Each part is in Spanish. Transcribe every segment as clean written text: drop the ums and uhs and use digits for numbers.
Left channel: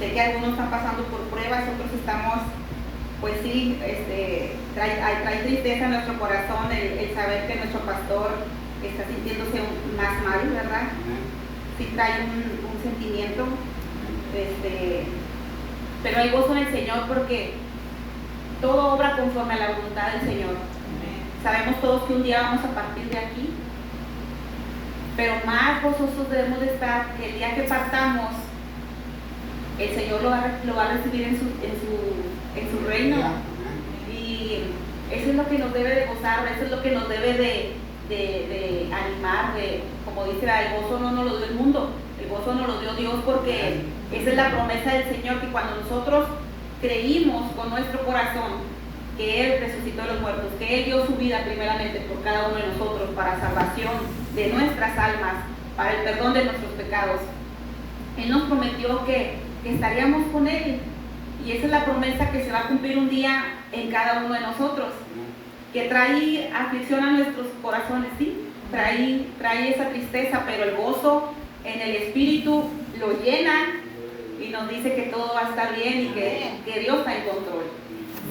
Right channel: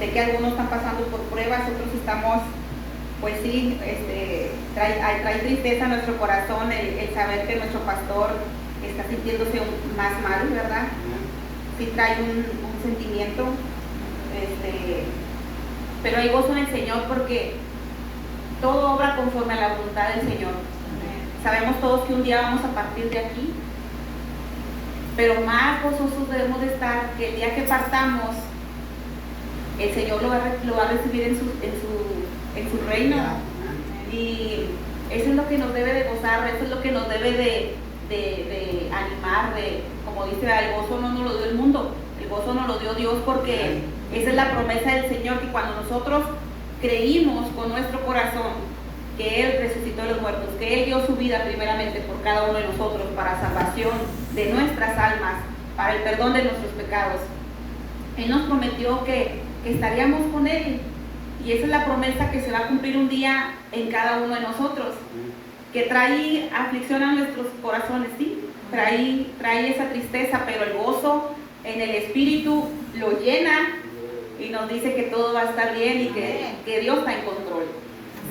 Sé que algunos están pasando por pruebas, otros estamos, pues sí, trae tristeza en nuestro corazón el saber que nuestro pastor está sintiéndose más mal, ¿verdad? Sí trae un sentimiento, pero hay gozo en el Señor porque todo obra conforme a la voluntad del Señor. Sabemos todos que un día vamos a partir de aquí, pero más gozosos debemos de estar que el día que partamos, el Señor lo va a recibir en su reino. Y eso es lo que nos debe de gozar, eso es lo que nos debe de animar, como dice, el gozo no nos lo dio el mundo, el gozo nos lo dio Dios, porque esa es la promesa del Señor, que cuando nosotros creímos con nuestro corazón que Él resucitó de los muertos, que Él dio su vida primeramente por cada uno de nosotros para salvación de nuestras almas, para el perdón de nuestros pecados, Él nos prometió que estaríamos con Él, y esa es la promesa que se va a cumplir un día en cada uno de nosotros, que trae aflicción a nuestros corazones, sí, trae esa tristeza, pero el gozo en el Espíritu lo llena y nos dice que todo va a estar bien y que Dios está en control.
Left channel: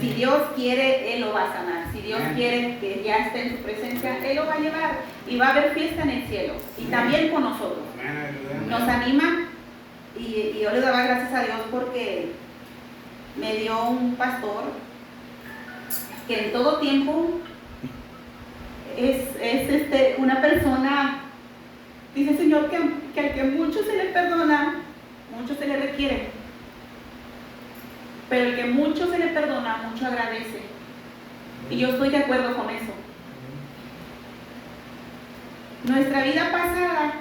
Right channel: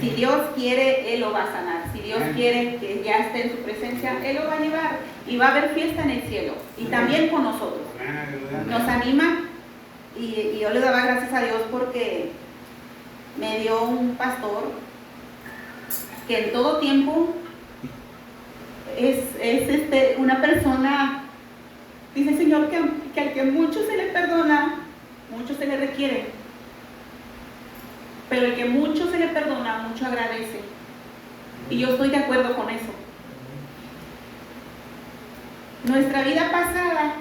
Si Dios quiere, Él lo va a sanar. Si Dios quiere que ya esté en su presencia, Él lo va a llevar, y va a haber fiesta en el cielo, y también con nosotros. Nos anima. Y yo le daba gracias a Dios porque me dio un pastor que en todo tiempo es una persona, dice el Señor, que al que mucho se le perdona, mucho se le requiere, pero el que mucho se le perdona, mucho agradece. Y yo estoy de acuerdo con eso. Nuestra vida pasada,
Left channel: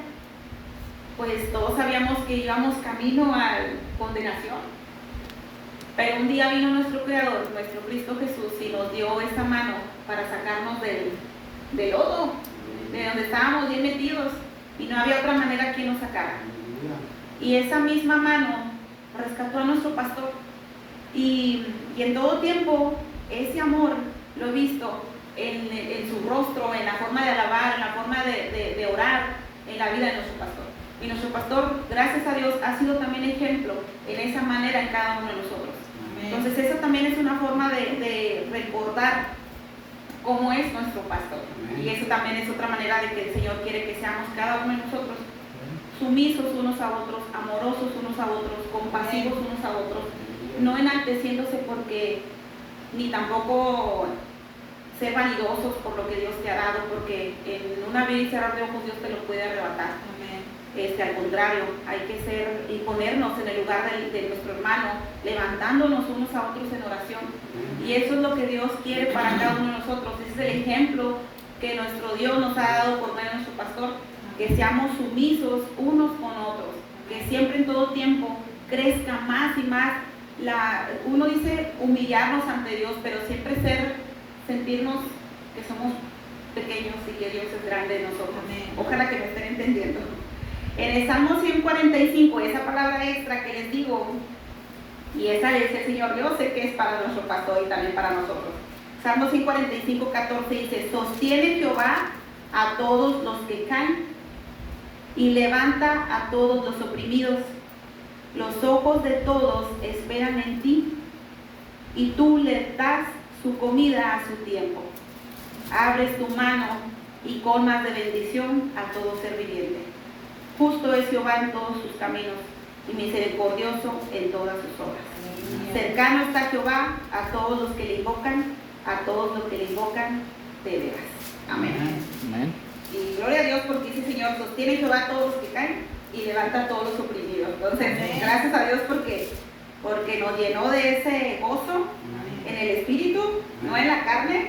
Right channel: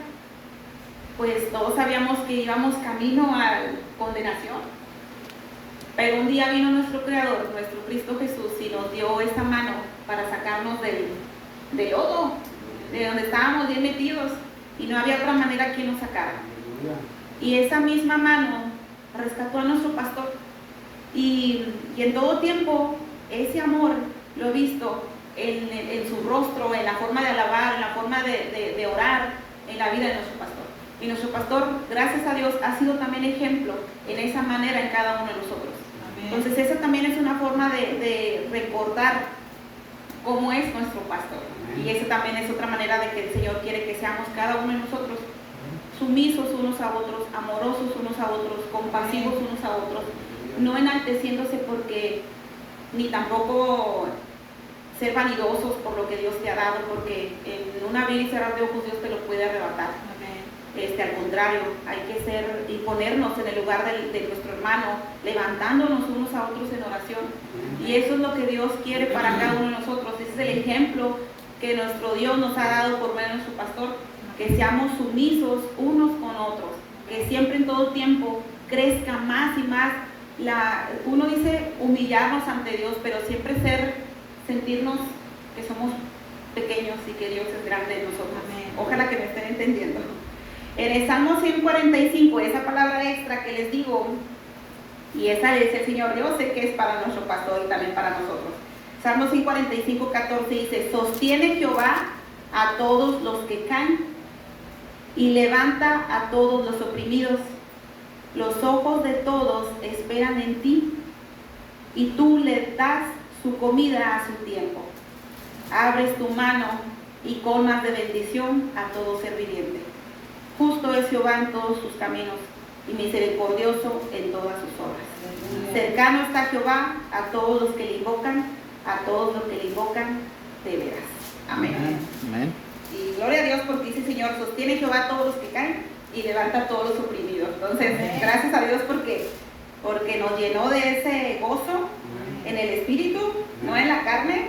pues todos sabíamos que íbamos camino a condenación, pero un día vino nuestro Creador, nuestro Cristo Jesús, y nos dio esa mano para sacarnos del lodo, de donde estábamos bien metidos, y no había otra manera que nos sacara. Y esa misma mano rescató a nuestro pastor, y en todo tiempo ese amor lo he visto en su rostro, en la forma de alabar, en la forma de orar, en la vida de nuestro pastor. Y nuestro pastor, gracias a Dios, ha sido también ejemplo en esa manera en cada uno de nosotros. Amén. Entonces esa también es una forma de recordar cómo es nuestro pastor. Amén. Y esa también es otra manera de que el Señor quiere que seamos cada uno de nosotros sumisos unos a otros, amorosos unos a otros, compasivos unos a otros, no enalteciéndose porque ni tampoco ser vanidosos por lo que Dios te ha dado, porque en un abrir y cerrar de ojos Dios te lo puede arrebatar. Al contrario, hay que ser y ponernos en el lugar de nuestro hermano, levantándonos unos a otros en oración. Y eso es lo que Dios quiere para cada uno de nosotros. Ese es el ejemplo que nuestro Dios nos ha dado por medio de nuestro pastor, que seamos sumisos unos con otros, que siempre en todo tiempo crezca más y más. Uno dice humillarnos ante Dios, pero siempre sentirnos que somos pequeños y que Dios es grande en nosotros. Ojalá que me estén entendiendo. En el Salmo 145, esa palabra extra que les digo, y esa es el Señor, yo sé que es para nuestro pastor y también para nosotros. Salmo 145, 14 dice: sostiene Jehová a todos los que caen y levanta a todos los oprimidos. Los ojos de todos esperan en ti, y tú le das su comida a su tiempo. Abres tu mano y colmas de bendición a todo ser viviente. Justo es Jehová en todos sus caminos, y misericordioso en todas sus obras. Cercano está Jehová a todos los que le invocan, a todos los que le invocan de veras. Amén. Amén. Y gloria a Dios, porque dice el Señor, sostiene Jehová a todos los que caen y levanta a todos los oprimidos. Entonces, gracias a Dios porque nos llenó de ese gozo en el Espíritu, no en la carne,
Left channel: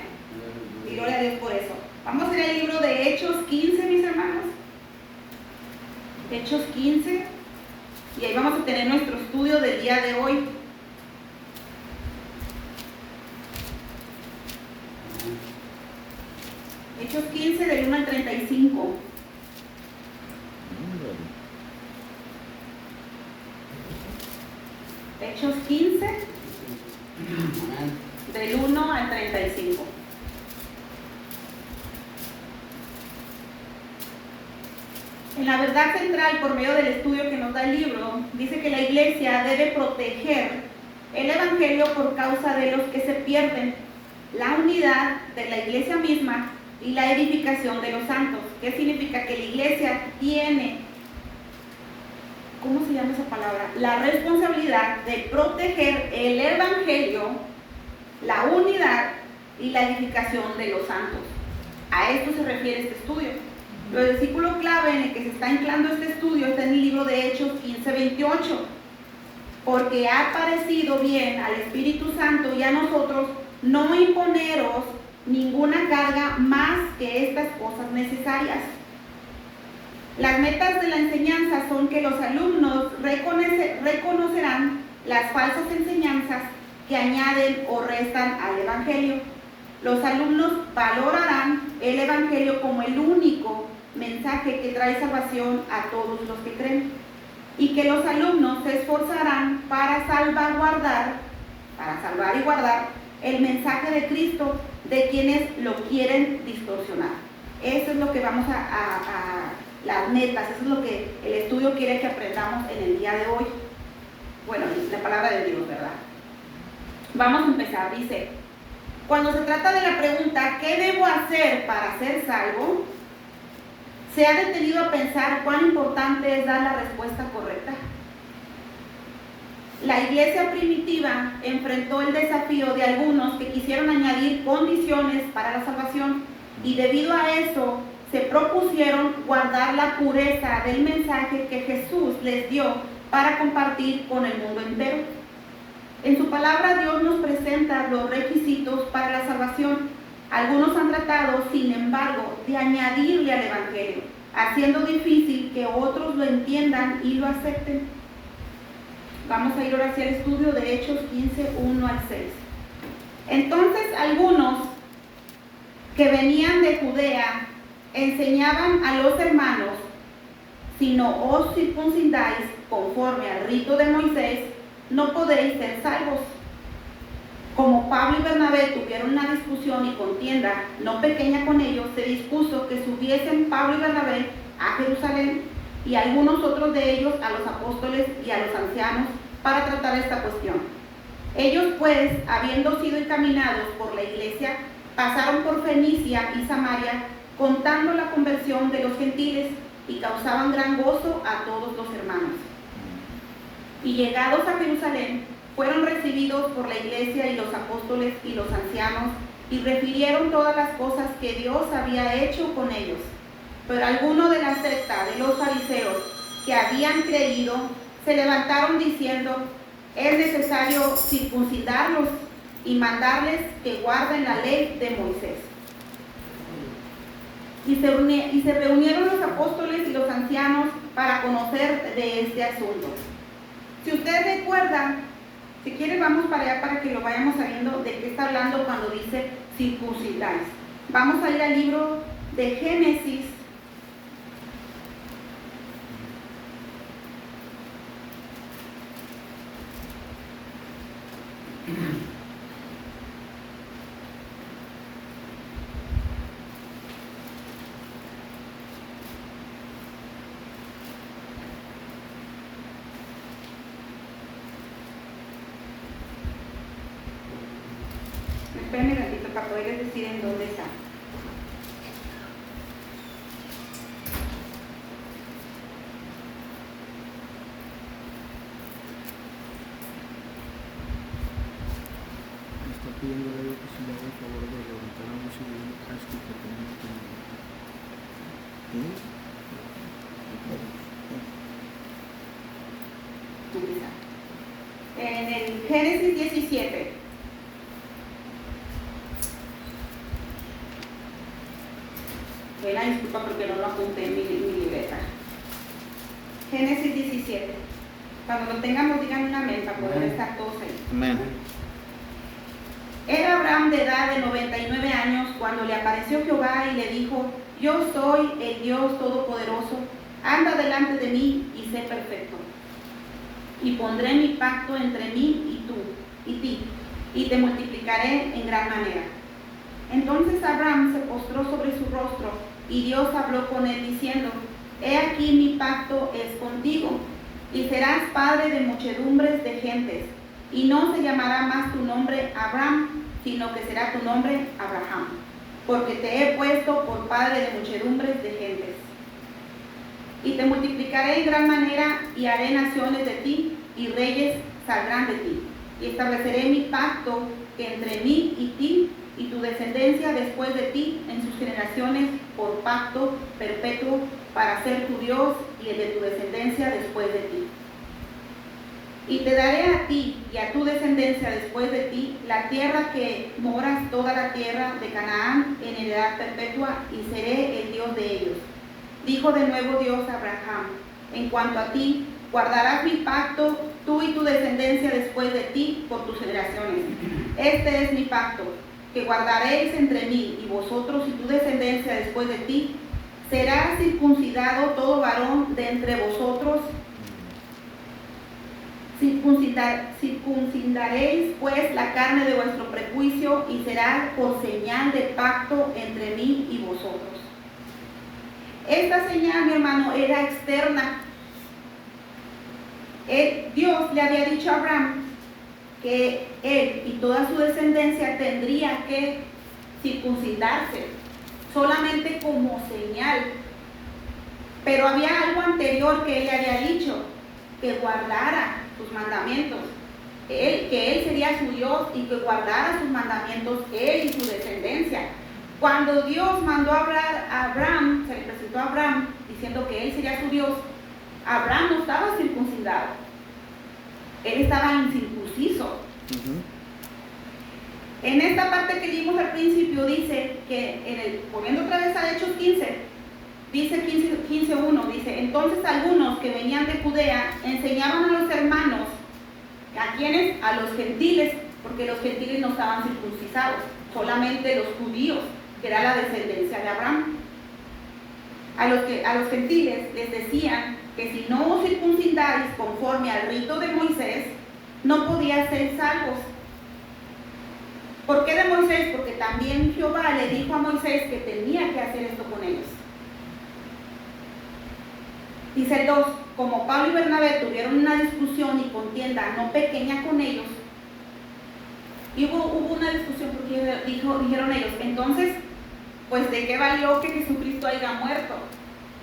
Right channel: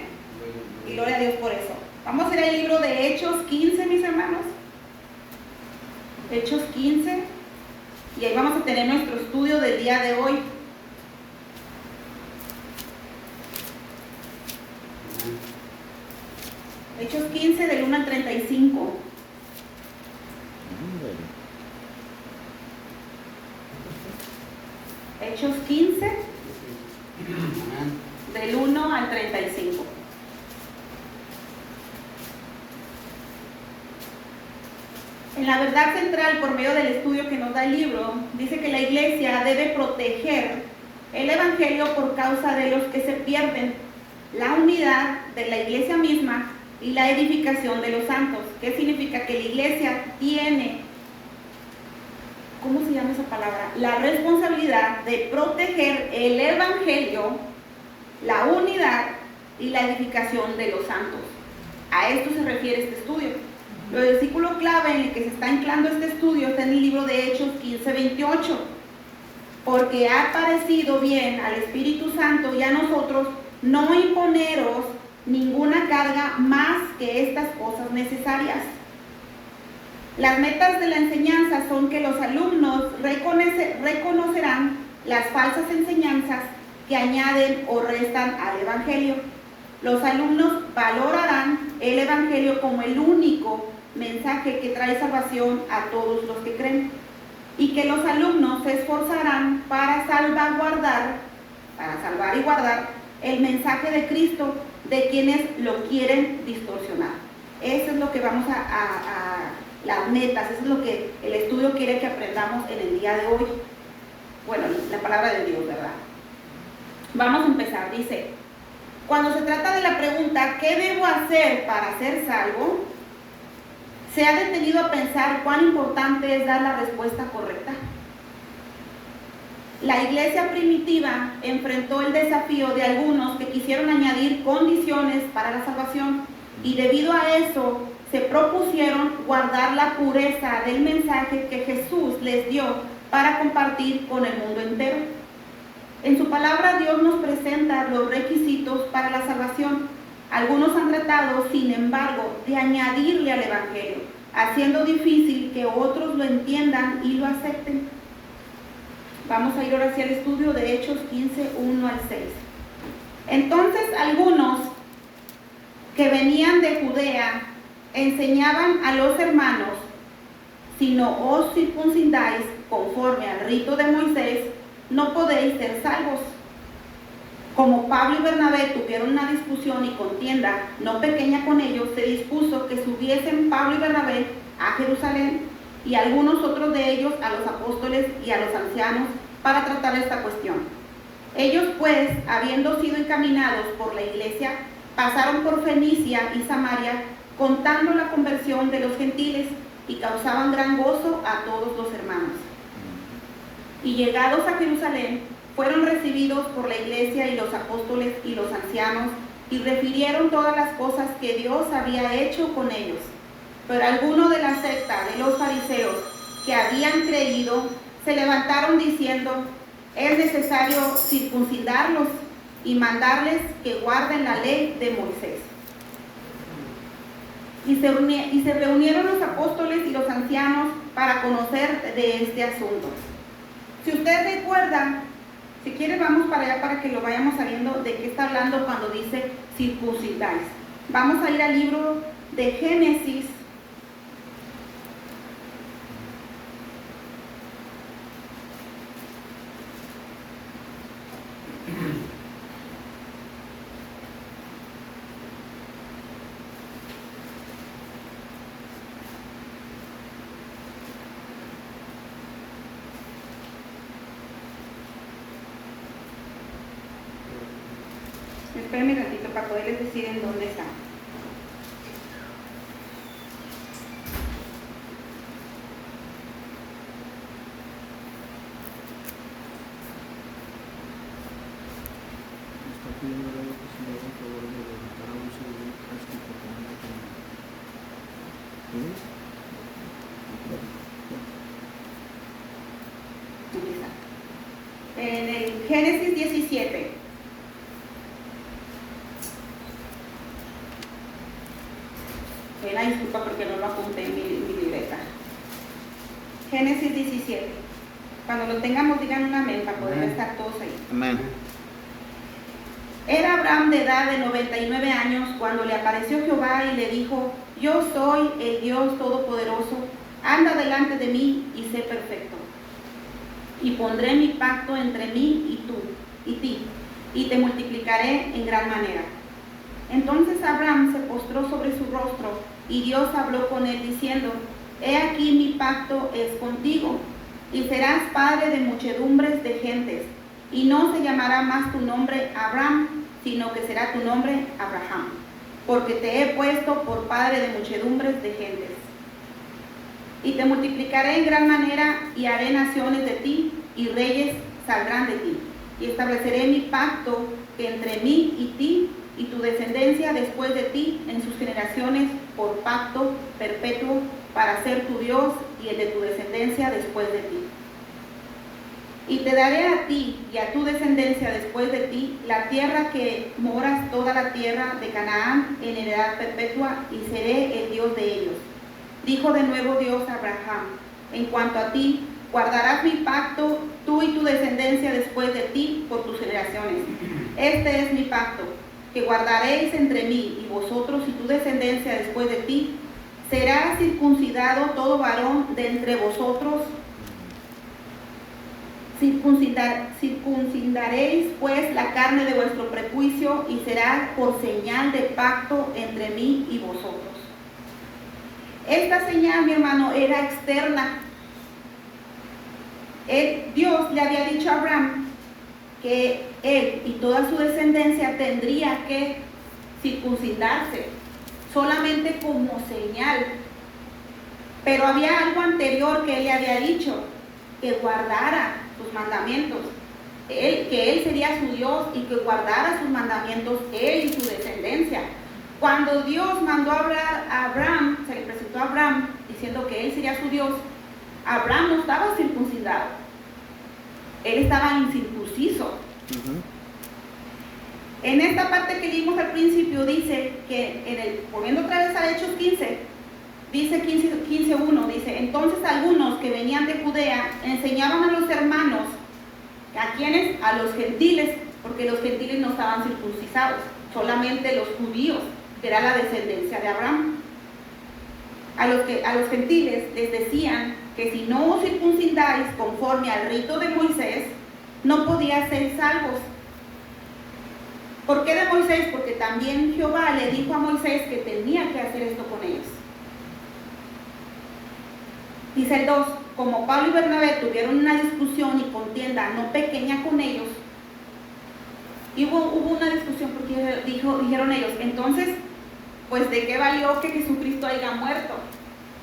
y gloria a Dios por eso. Vamos a ir al libro de Hechos 15, mis hermanos. Hechos 15, y ahí vamos a tener nuestro estudio del día de hoy. Hechos 15, del 1 al 35. Hechos 15, del 1 al 35. En la verdad central, por medio del estudio que nos da el libro, dice que la iglesia debe proteger el evangelio por causa de los que se pierden, la unidad de la iglesia misma y la edificación de los santos. ¿Qué significa? Que la iglesia tiene, ¿cómo se llama esa palabra? La responsabilidad de proteger el evangelio, la unidad y la edificación de los santos. A esto se refiere este estudio. El versículo clave en el que se está anclando este estudio está en el libro de Hechos 15:28. Porque ha parecido bien al Espíritu Santo y a nosotros no imponeros ninguna carga más que estas cosas necesarias. Las metas de la enseñanza son que los alumnos reconocerán las falsas enseñanzas que añaden o restan al Evangelio. Los alumnos valorarán el Evangelio como el único mensaje que trae salvación a todos los que creen, y que los alumnos se esforzarán para salvar y guardar el mensaje de Cristo de quienes lo quieren distorsionar. Eso es lo que vamos las metas, eso es lo que el estudio quiere que aprendamos en el día de hoy. Bueno, la palabra de Dios, ¿verdad? Vamos a empezar. Dice, cuando se trata de la pregunta ¿qué debo hacer para ser salvo?, ¿se ha detenido a pensar cuán importante es dar la respuesta correcta? La iglesia primitiva enfrentó el desafío de algunos que quisieron añadir condiciones para la salvación, y debido a eso se propusieron guardar la pureza del mensaje que Jesús les dio para compartir con el mundo entero. En su palabra Dios nos presenta los requisitos para la salvación. Algunos han tratado, sin embargo, de añadirle al Evangelio, haciendo difícil que otros lo entiendan y lo acepten. Vamos a ir ahora hacia el estudio de Hechos 15:1 al 6. Entonces algunos que venían de Judea enseñaban a los hermanos: si no os circuncidáis conforme al rito de Moisés, no podéis ser salvos. Como Pablo y Bernabé tuvieron una discusión y contienda no pequeña con ellos, se dispuso que subiesen Pablo y Bernabé a Jerusalén y algunos otros de ellos a los apóstoles y a los ancianos para tratar esta cuestión. Ellos pues, habiendo sido encaminados por la iglesia, pasaron por Fenicia y Samaria, contando la conversión de los gentiles, y causaban gran gozo a todos los hermanos. Y llegados a Jerusalén, fueron recibidos por la iglesia y los apóstoles y los ancianos, y refirieron todas las cosas que Dios había hecho con ellos. Pero algunos de la secta de los fariseos que habían creído se levantaron diciendo: es necesario circuncidarlos y mandarles que guarden la ley de Moisés. Y se reunieron los apóstoles y los ancianos para conocer de este asunto. Si ustedes recuerdan, si quieren vamos para allá para que lo vayamos sabiendo de qué está hablando cuando dice circuncidáis. Vamos a ir al libro de Génesis. Espérenme un ratito para poderles decir en dónde está. Está pidiendo la oportunidad a favor de levantarnos y En el Génesis 17. Fue la disculpa porque no lo apunté en mi libreta. Génesis 17. Cuando lo tengamos, digan un amén para poder estar todos ahí. Amén. Era Abraham de edad de 99 años cuando le apareció Jehová y le dijo: yo soy el Dios Todopoderoso, anda delante de mí y sé perfecto. Y pondré mi pacto entre mí y ti, y te multiplicaré en gran manera. Entonces Abraham se postró sobre su rostro, y Dios habló con él diciendo: He aquí mi pacto es contigo, y serás padre de muchedumbres de gentes, y no se llamará más tu nombre Abraham, sino que será tu nombre Abraham, porque te he puesto por padre de muchedumbres de gentes. Y te multiplicaré en gran manera, y haré naciones de ti, y reyes saldrán de ti. Y estableceré mi pacto entre mí y ti, y tu descendencia después de ti en sus generaciones, por pacto perpetuo, para ser tu Dios y el de tu descendencia después de ti. Y te daré a ti y a tu descendencia después de ti la tierra que moras, toda la tierra de Canaán, en heredad perpetua, y seré el Dios de ellos. Dijo de nuevo Dios a Abraham: en cuanto a ti, guardarás mi pacto, tú y tu descendencia después de ti, por tus generaciones. Este es mi pacto, que guardaréis entre mí y vosotros y tu descendencia después de ti. Será circuncidado todo varón de entre vosotros. Circuncidaréis pues la carne de vuestro prejuicio, y será por señal de pacto entre mí y vosotros. Esta señal, mi hermano, era externa. Dios le había dicho a Abraham que él y toda su descendencia tendría que circuncidarse, solamente como señal. Pero había algo anterior que él le había dicho, que guardara sus mandamientos. Que él sería su Dios y que guardara sus mandamientos, él y su descendencia. Cuando Dios mandó a Abraham, se le presentó a Abraham diciendo que él sería su Dios, Abraham no estaba circuncidado, él estaba incircunciso. En esta parte que vimos al principio dice que, volviendo otra vez a Hechos 15, dice 15:1, dice: entonces algunos que venían de Judea enseñaban a los hermanos, ¿a quiénes? A los gentiles, porque los gentiles no estaban circuncidados, solamente los judíos, que era la descendencia de Abraham. A los gentiles les decían que si no os circuncidáis conforme al rito de Moisés, no podíais ser salvos. ¿Por qué de Moisés? Porque también Jehová le dijo a Moisés que tenía que hacer esto con ellos. Dice el 2: como Pablo y Bernabé tuvieron una discusión y contienda no pequeña con ellos, y hubo una discusión porque dijeron ellos: entonces, pues ¿de qué valió que Jesucristo haya muerto?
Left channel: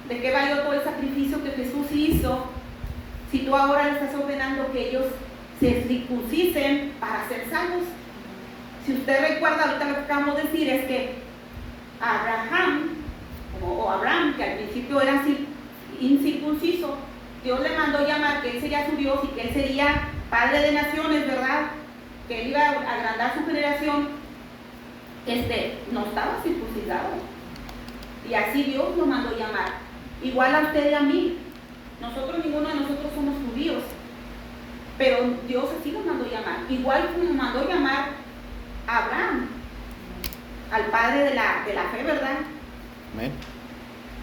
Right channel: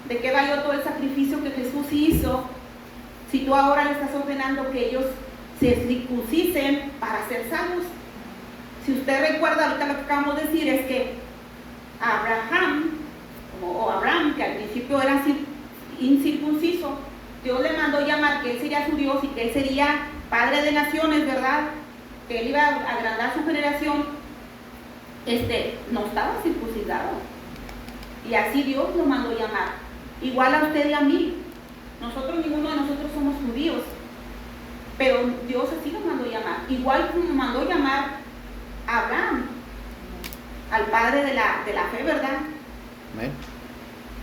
¿De qué valió todo el sacrificio que Jesús hizo si tú ahora le estás ordenando que ellos se circuncisen para ser salvos? Si usted recuerda, ahorita lo que acabamos de decir es que Abraham, que al principio era incircunciso, Dios le mandó llamar que él sería su Dios y que él sería padre de naciones, ¿verdad? Que él iba a agrandar su generación. No estaba circuncidado, y así Dios lo mandó llamar. Igual a usted y a mí, ninguno de nosotros somos judíos, pero Dios así lo mandó llamar. Igual como mandó llamar a Abraham, al padre de la fe, ¿verdad? Amén.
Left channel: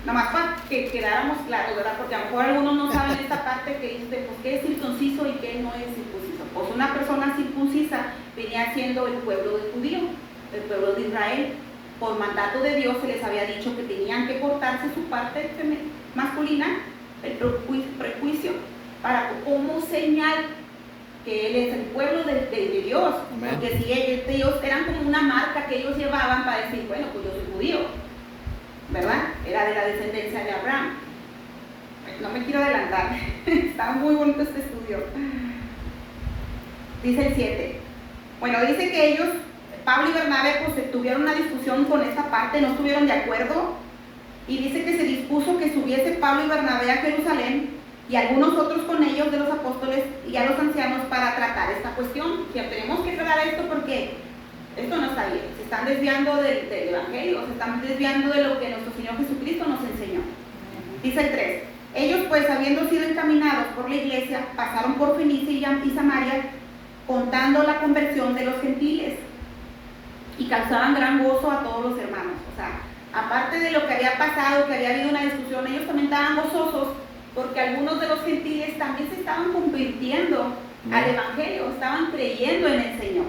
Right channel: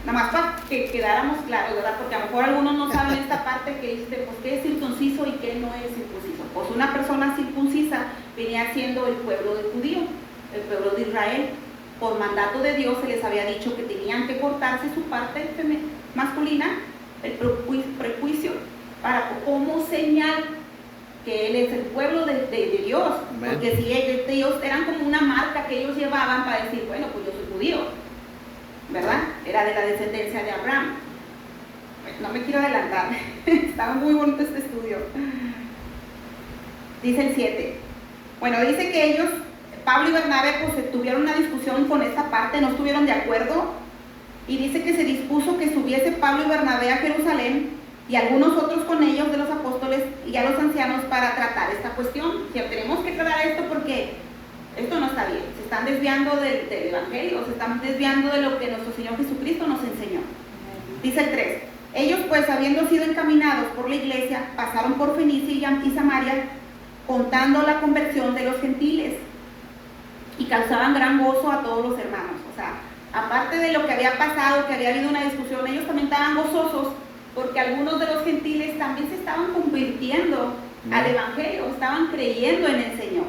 Nada más para que quedáramos claros, ¿verdad? Porque a lo mejor algunos no saben esta parte que dice, pues, ¿qué es circunciso y qué no es circunciso? Pues una persona circuncisa venía siendo el pueblo de judío, el pueblo de Israel. Por mandato de Dios se les había dicho que tenían que cortarse su parte masculina, el prejuicio, como señal que él es el pueblo de Dios. Amén. Porque si ellos eran como una marca que ellos llevaban para decir, bueno, pues yo soy judío, ¿verdad? Era de la descendencia de Abraham. No me quiero adelantar, está muy bonito este estudio. Dice el 7. Bueno, dice que ellos, Pablo y Bernabé, pues tuvieron una discusión con esta parte, no estuvieron de acuerdo, y dice que se dispuso que subiese Pablo y Bernabé a Jerusalén, y algunos otros con ellos de los apóstoles y a los ancianos, para tratar esta cuestión. Que tenemos que tratar esto porque esto no está bien, se están desviando del evangelio, se están desviando de lo que nuestro Señor Jesucristo nos enseñó. Dice el 3: ellos pues, habiendo sido encaminados por la iglesia, pasaron por Fenicia y Samaria, contando la conversión de los gentiles, y causaban gran gozo a todos los hermanos. O sea, aparte de lo que había pasado, que había habido una discusión, ellos también estaban gozosos porque algunos de los gentiles también se estaban convirtiendo al evangelio, estaban creyendo en el Señor.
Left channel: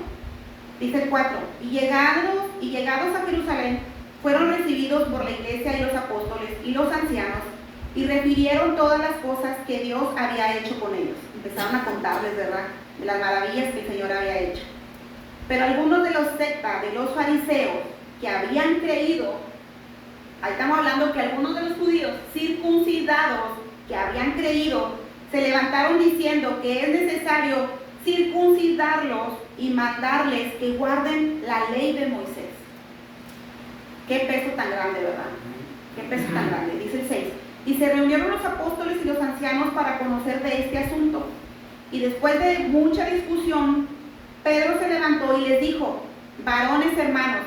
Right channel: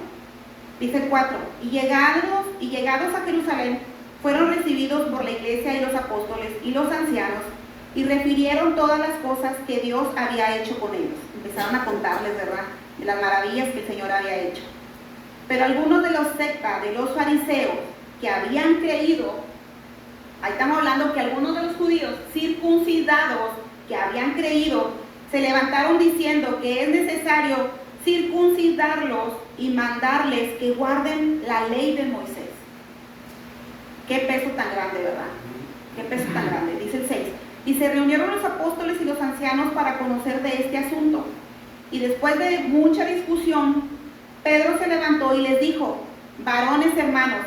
Dice el 4: y llegados a Jerusalén, fueron recibidos por la iglesia y los apóstoles y los ancianos, y refirieron todas las cosas que Dios había hecho con ellos. Empezaron a contarles, ¿verdad?, de las maravillas que el Señor había hecho. Pero algunos de los sectas, de los fariseos, que habían creído, ahí estamos hablando que algunos de los judíos circuncidados que habían creído, se levantaron diciendo que es necesario circuncidarlos y mandarles que guarden la ley de Moisés. Qué peso tan grande, ¿verdad? Qué peso tan grande, dice el 6. Y se reunieron los apóstoles y los ancianos para conocer de este asunto. Y después de mucha discusión, Pedro se levantó y les dijo: varones hermanos,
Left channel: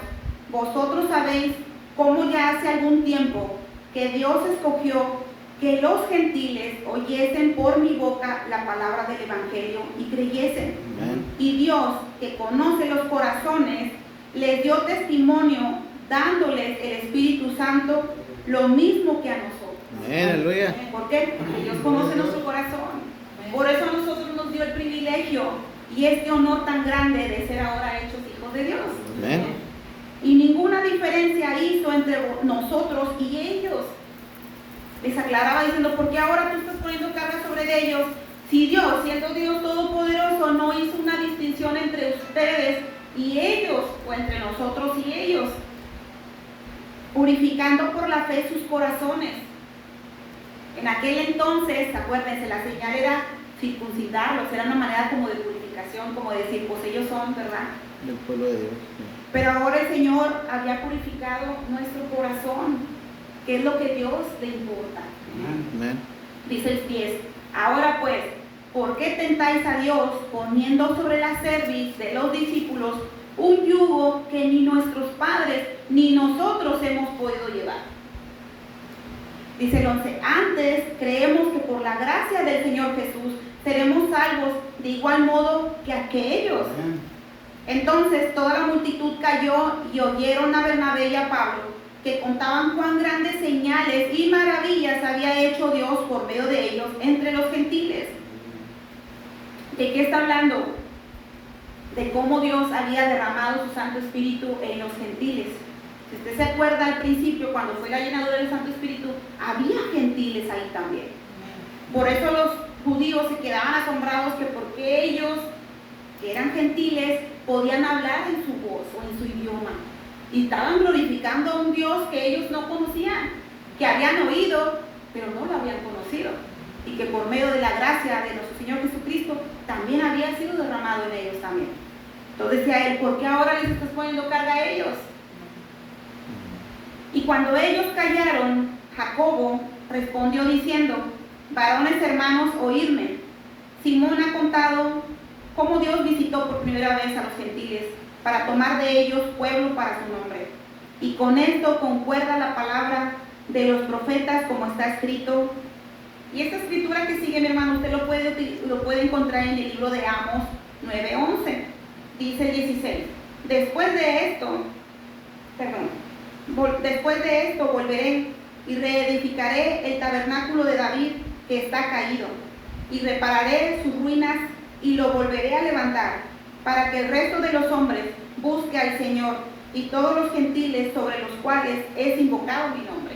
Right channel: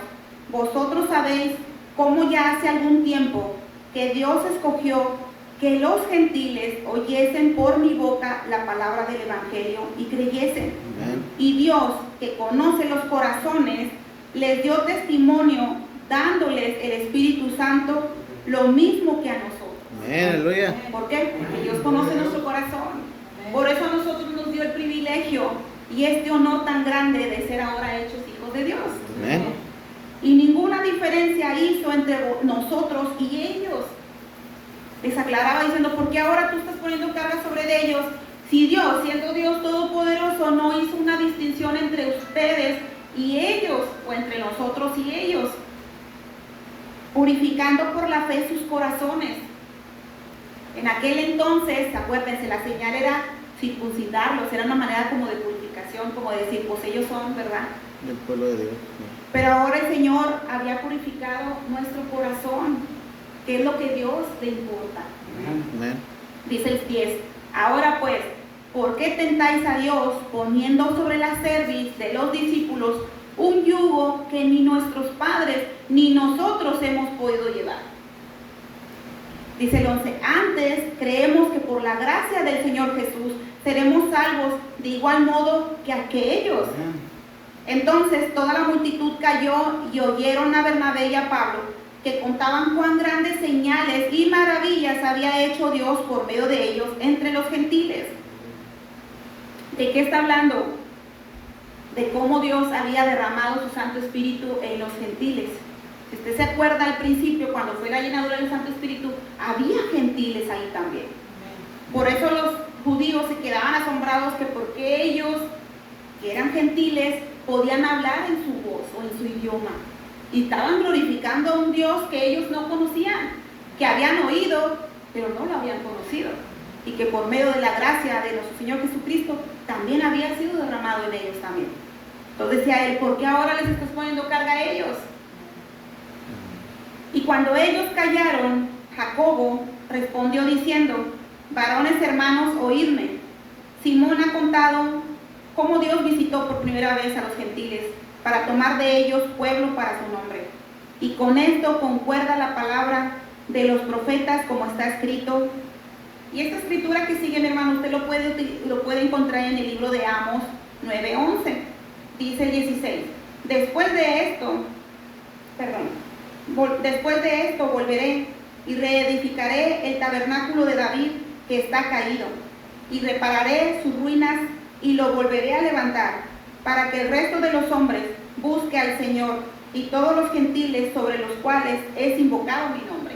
vosotros sabéis cómo ya hace algún tiempo que Dios escogió que los gentiles oyesen por mi boca la palabra del evangelio y creyesen. Amén. Y Dios, que conoce los corazones, les dio testimonio dándoles el Espíritu Santo, lo mismo que a nosotros. Amén, aleluya. ¿Por qué? Porque Dios conoce nuestro corazón. Por eso a nosotros nos dio el privilegio y este honor tan grande de ser ahora hechos hijos de Dios. Amén. Y ninguna diferencia hizo entre nosotros y ellos. Les aclaraba diciendo: ¿por qué ahora tú estás poniendo carga sobre ellos? Si Dios, siendo Dios todopoderoso, no hizo una distinción entre ustedes y ellos, o entre nosotros y ellos, purificando por la fe sus corazones. En aquel entonces, acuérdense, la señal era circuncidarlos, era una manera como de purificación, como de decir, pues ellos son, ¿verdad?, Del pueblo de Dios. Sí. pero ahora el Señor había purificado nuestro corazón, que es lo que Dios le importa. Amén. Dice el 10: ahora pues, ¿por qué tentáis a Dios poniendo sobre la cerviz de los discípulos un yugo que ni nuestros padres ni nosotros hemos podido llevar? Dice el 11: antes creemos que por la gracia del Señor Jesús seremos salvos de igual modo que aquellos. Entonces toda la multitud cayó y oyeron a Bernabé y a Pablo, que contaban cuán grandes señales y maravillas había hecho Dios por medio de ellos entre los gentiles. ¿De qué está hablando? De cómo Dios había derramado su Santo Espíritu en los gentiles. Si usted se acuerda al principio, cuando fue la llenadura del Santo Espíritu, había gentiles ahí también. Por eso los judíos se quedaban asombrados que porque ellos, que eran gentiles, podían hablar en su voz o en su idioma. Y estaban glorificando a un Dios que ellos no conocían, que habían oído, pero no lo habían conocido. Y que por medio de la gracia de nuestro Señor Jesucristo también había sido derramado en ellos también. Entonces decía él: ¿por qué ahora les estás poniendo carga a ellos? Y cuando ellos callaron, Jacobo respondió diciendo: varones hermanos, oídme. Simón ha contado cómo Dios visitó por primera vez a los gentiles para tomar de ellos pueblo para su nombre. Y con esto concuerda la palabra de los profetas, como está escrito. Y esta escritura que sigue, mi hermano, usted lo puede encontrar en el libro de Amos 9:11. Dice el 16: después de esto volveré y reedificaré el tabernáculo de David que está caído, y repararé sus ruinas y lo volveré a levantar, para que el resto de los hombres busque al Señor y todos los gentiles sobre los cuales es invocado mi nombre.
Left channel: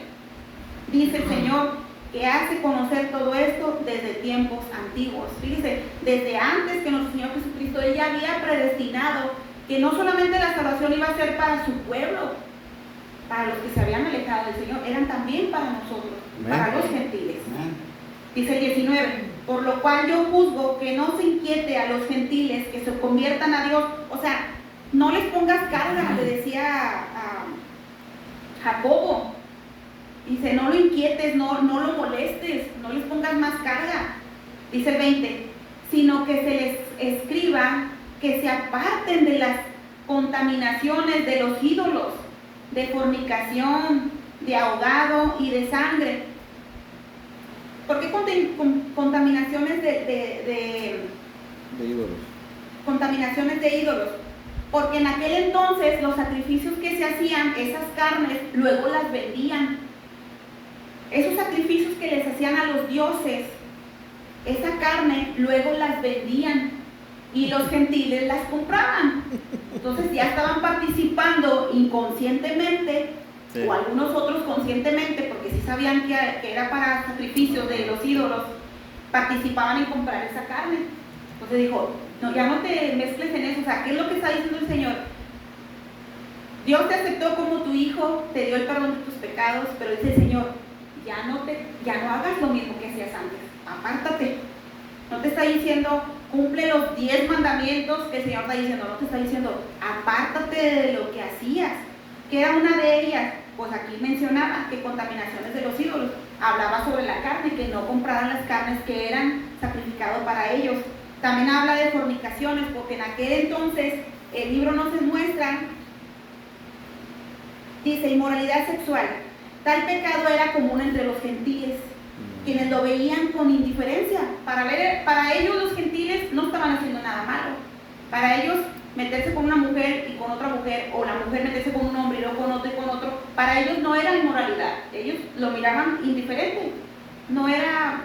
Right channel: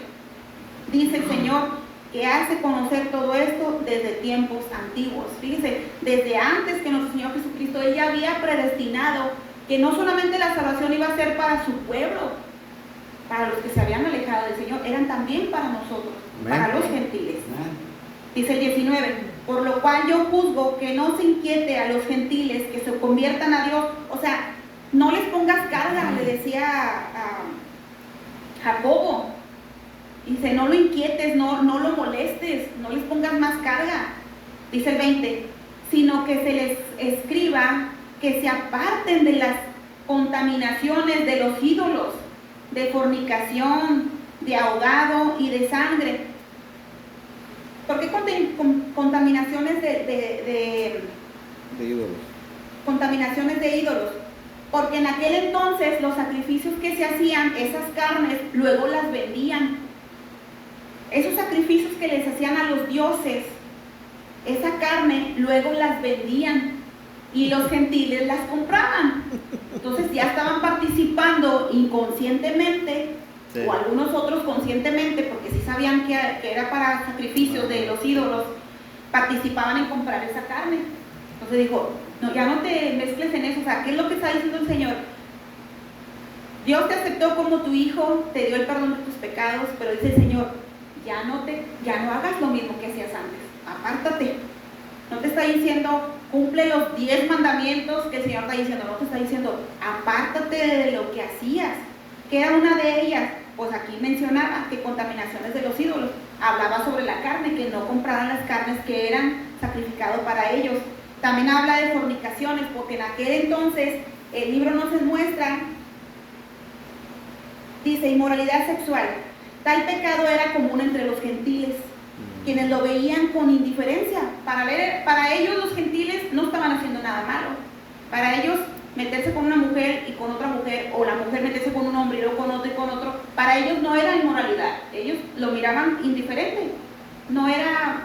Dice el Señor que hace conocer todo esto desde tiempos antiguos. Fíjense, desde antes que nuestro Señor Jesucristo, Él ya había predestinado que no solamente la salvación iba a ser para su pueblo, para los que se habían alejado del Señor, eran también para nosotros, Amén. para los gentiles. Dice el 19: por lo cual yo juzgo que no se inquiete a los gentiles que se conviertan a Dios. O sea, no les pongas carga, le decía a Jacobo. Dice: no lo inquietes, no lo molestes, no les pongas más carga. Dice el 20: sino que se les escriba que se aparten de las contaminaciones de los ídolos, de fornicación, de ahogado y de sangre. ¿Por qué contaminaciones de ídolos? Contaminaciones de ídolos? Porque en aquel entonces los sacrificios que se hacían, esas carnes, luego las vendían. Esos sacrificios que les hacían a los dioses, esa carne, luego las vendían y los gentiles las compraban. Entonces ya estaban participando inconscientemente Sí. o algunos otros conscientemente, porque sí sabían que era para sacrificios de los ídolos, participaban en comprar esa carne. Entonces dijo, no, ya no te mezcles en eso. O sea, ¿qué es lo que está diciendo el Señor? Dios te aceptó como tu hijo, te dio el perdón de tus pecados, pero dice el Señor, ya no hagas lo mismo que hacías antes, apártate. No te está diciendo, cumple los 10 mandamientos que el Señor está diciendo, no te está diciendo, apártate de lo que hacías. ¿Qué era una de ellas? Pues aquí mencionaba que contaminaciones de los ídolos. Hablaba sobre la carne, que no compraran las carnes que eran sacrificadas para ellos. También habla de fornicaciones, porque en aquel entonces el libro nos muestra, dice, inmoralidad sexual. Tal pecado era común entre los gentiles, quienes lo veían con indiferencia. Para ellos los gentiles no estaban haciendo nada malo. Para ellos meterse con una mujer y con otra mujer, o la mujer meterse con un hombre y luego con otro y con otro, para ellos no era inmoralidad. Ellos lo miraban indiferente.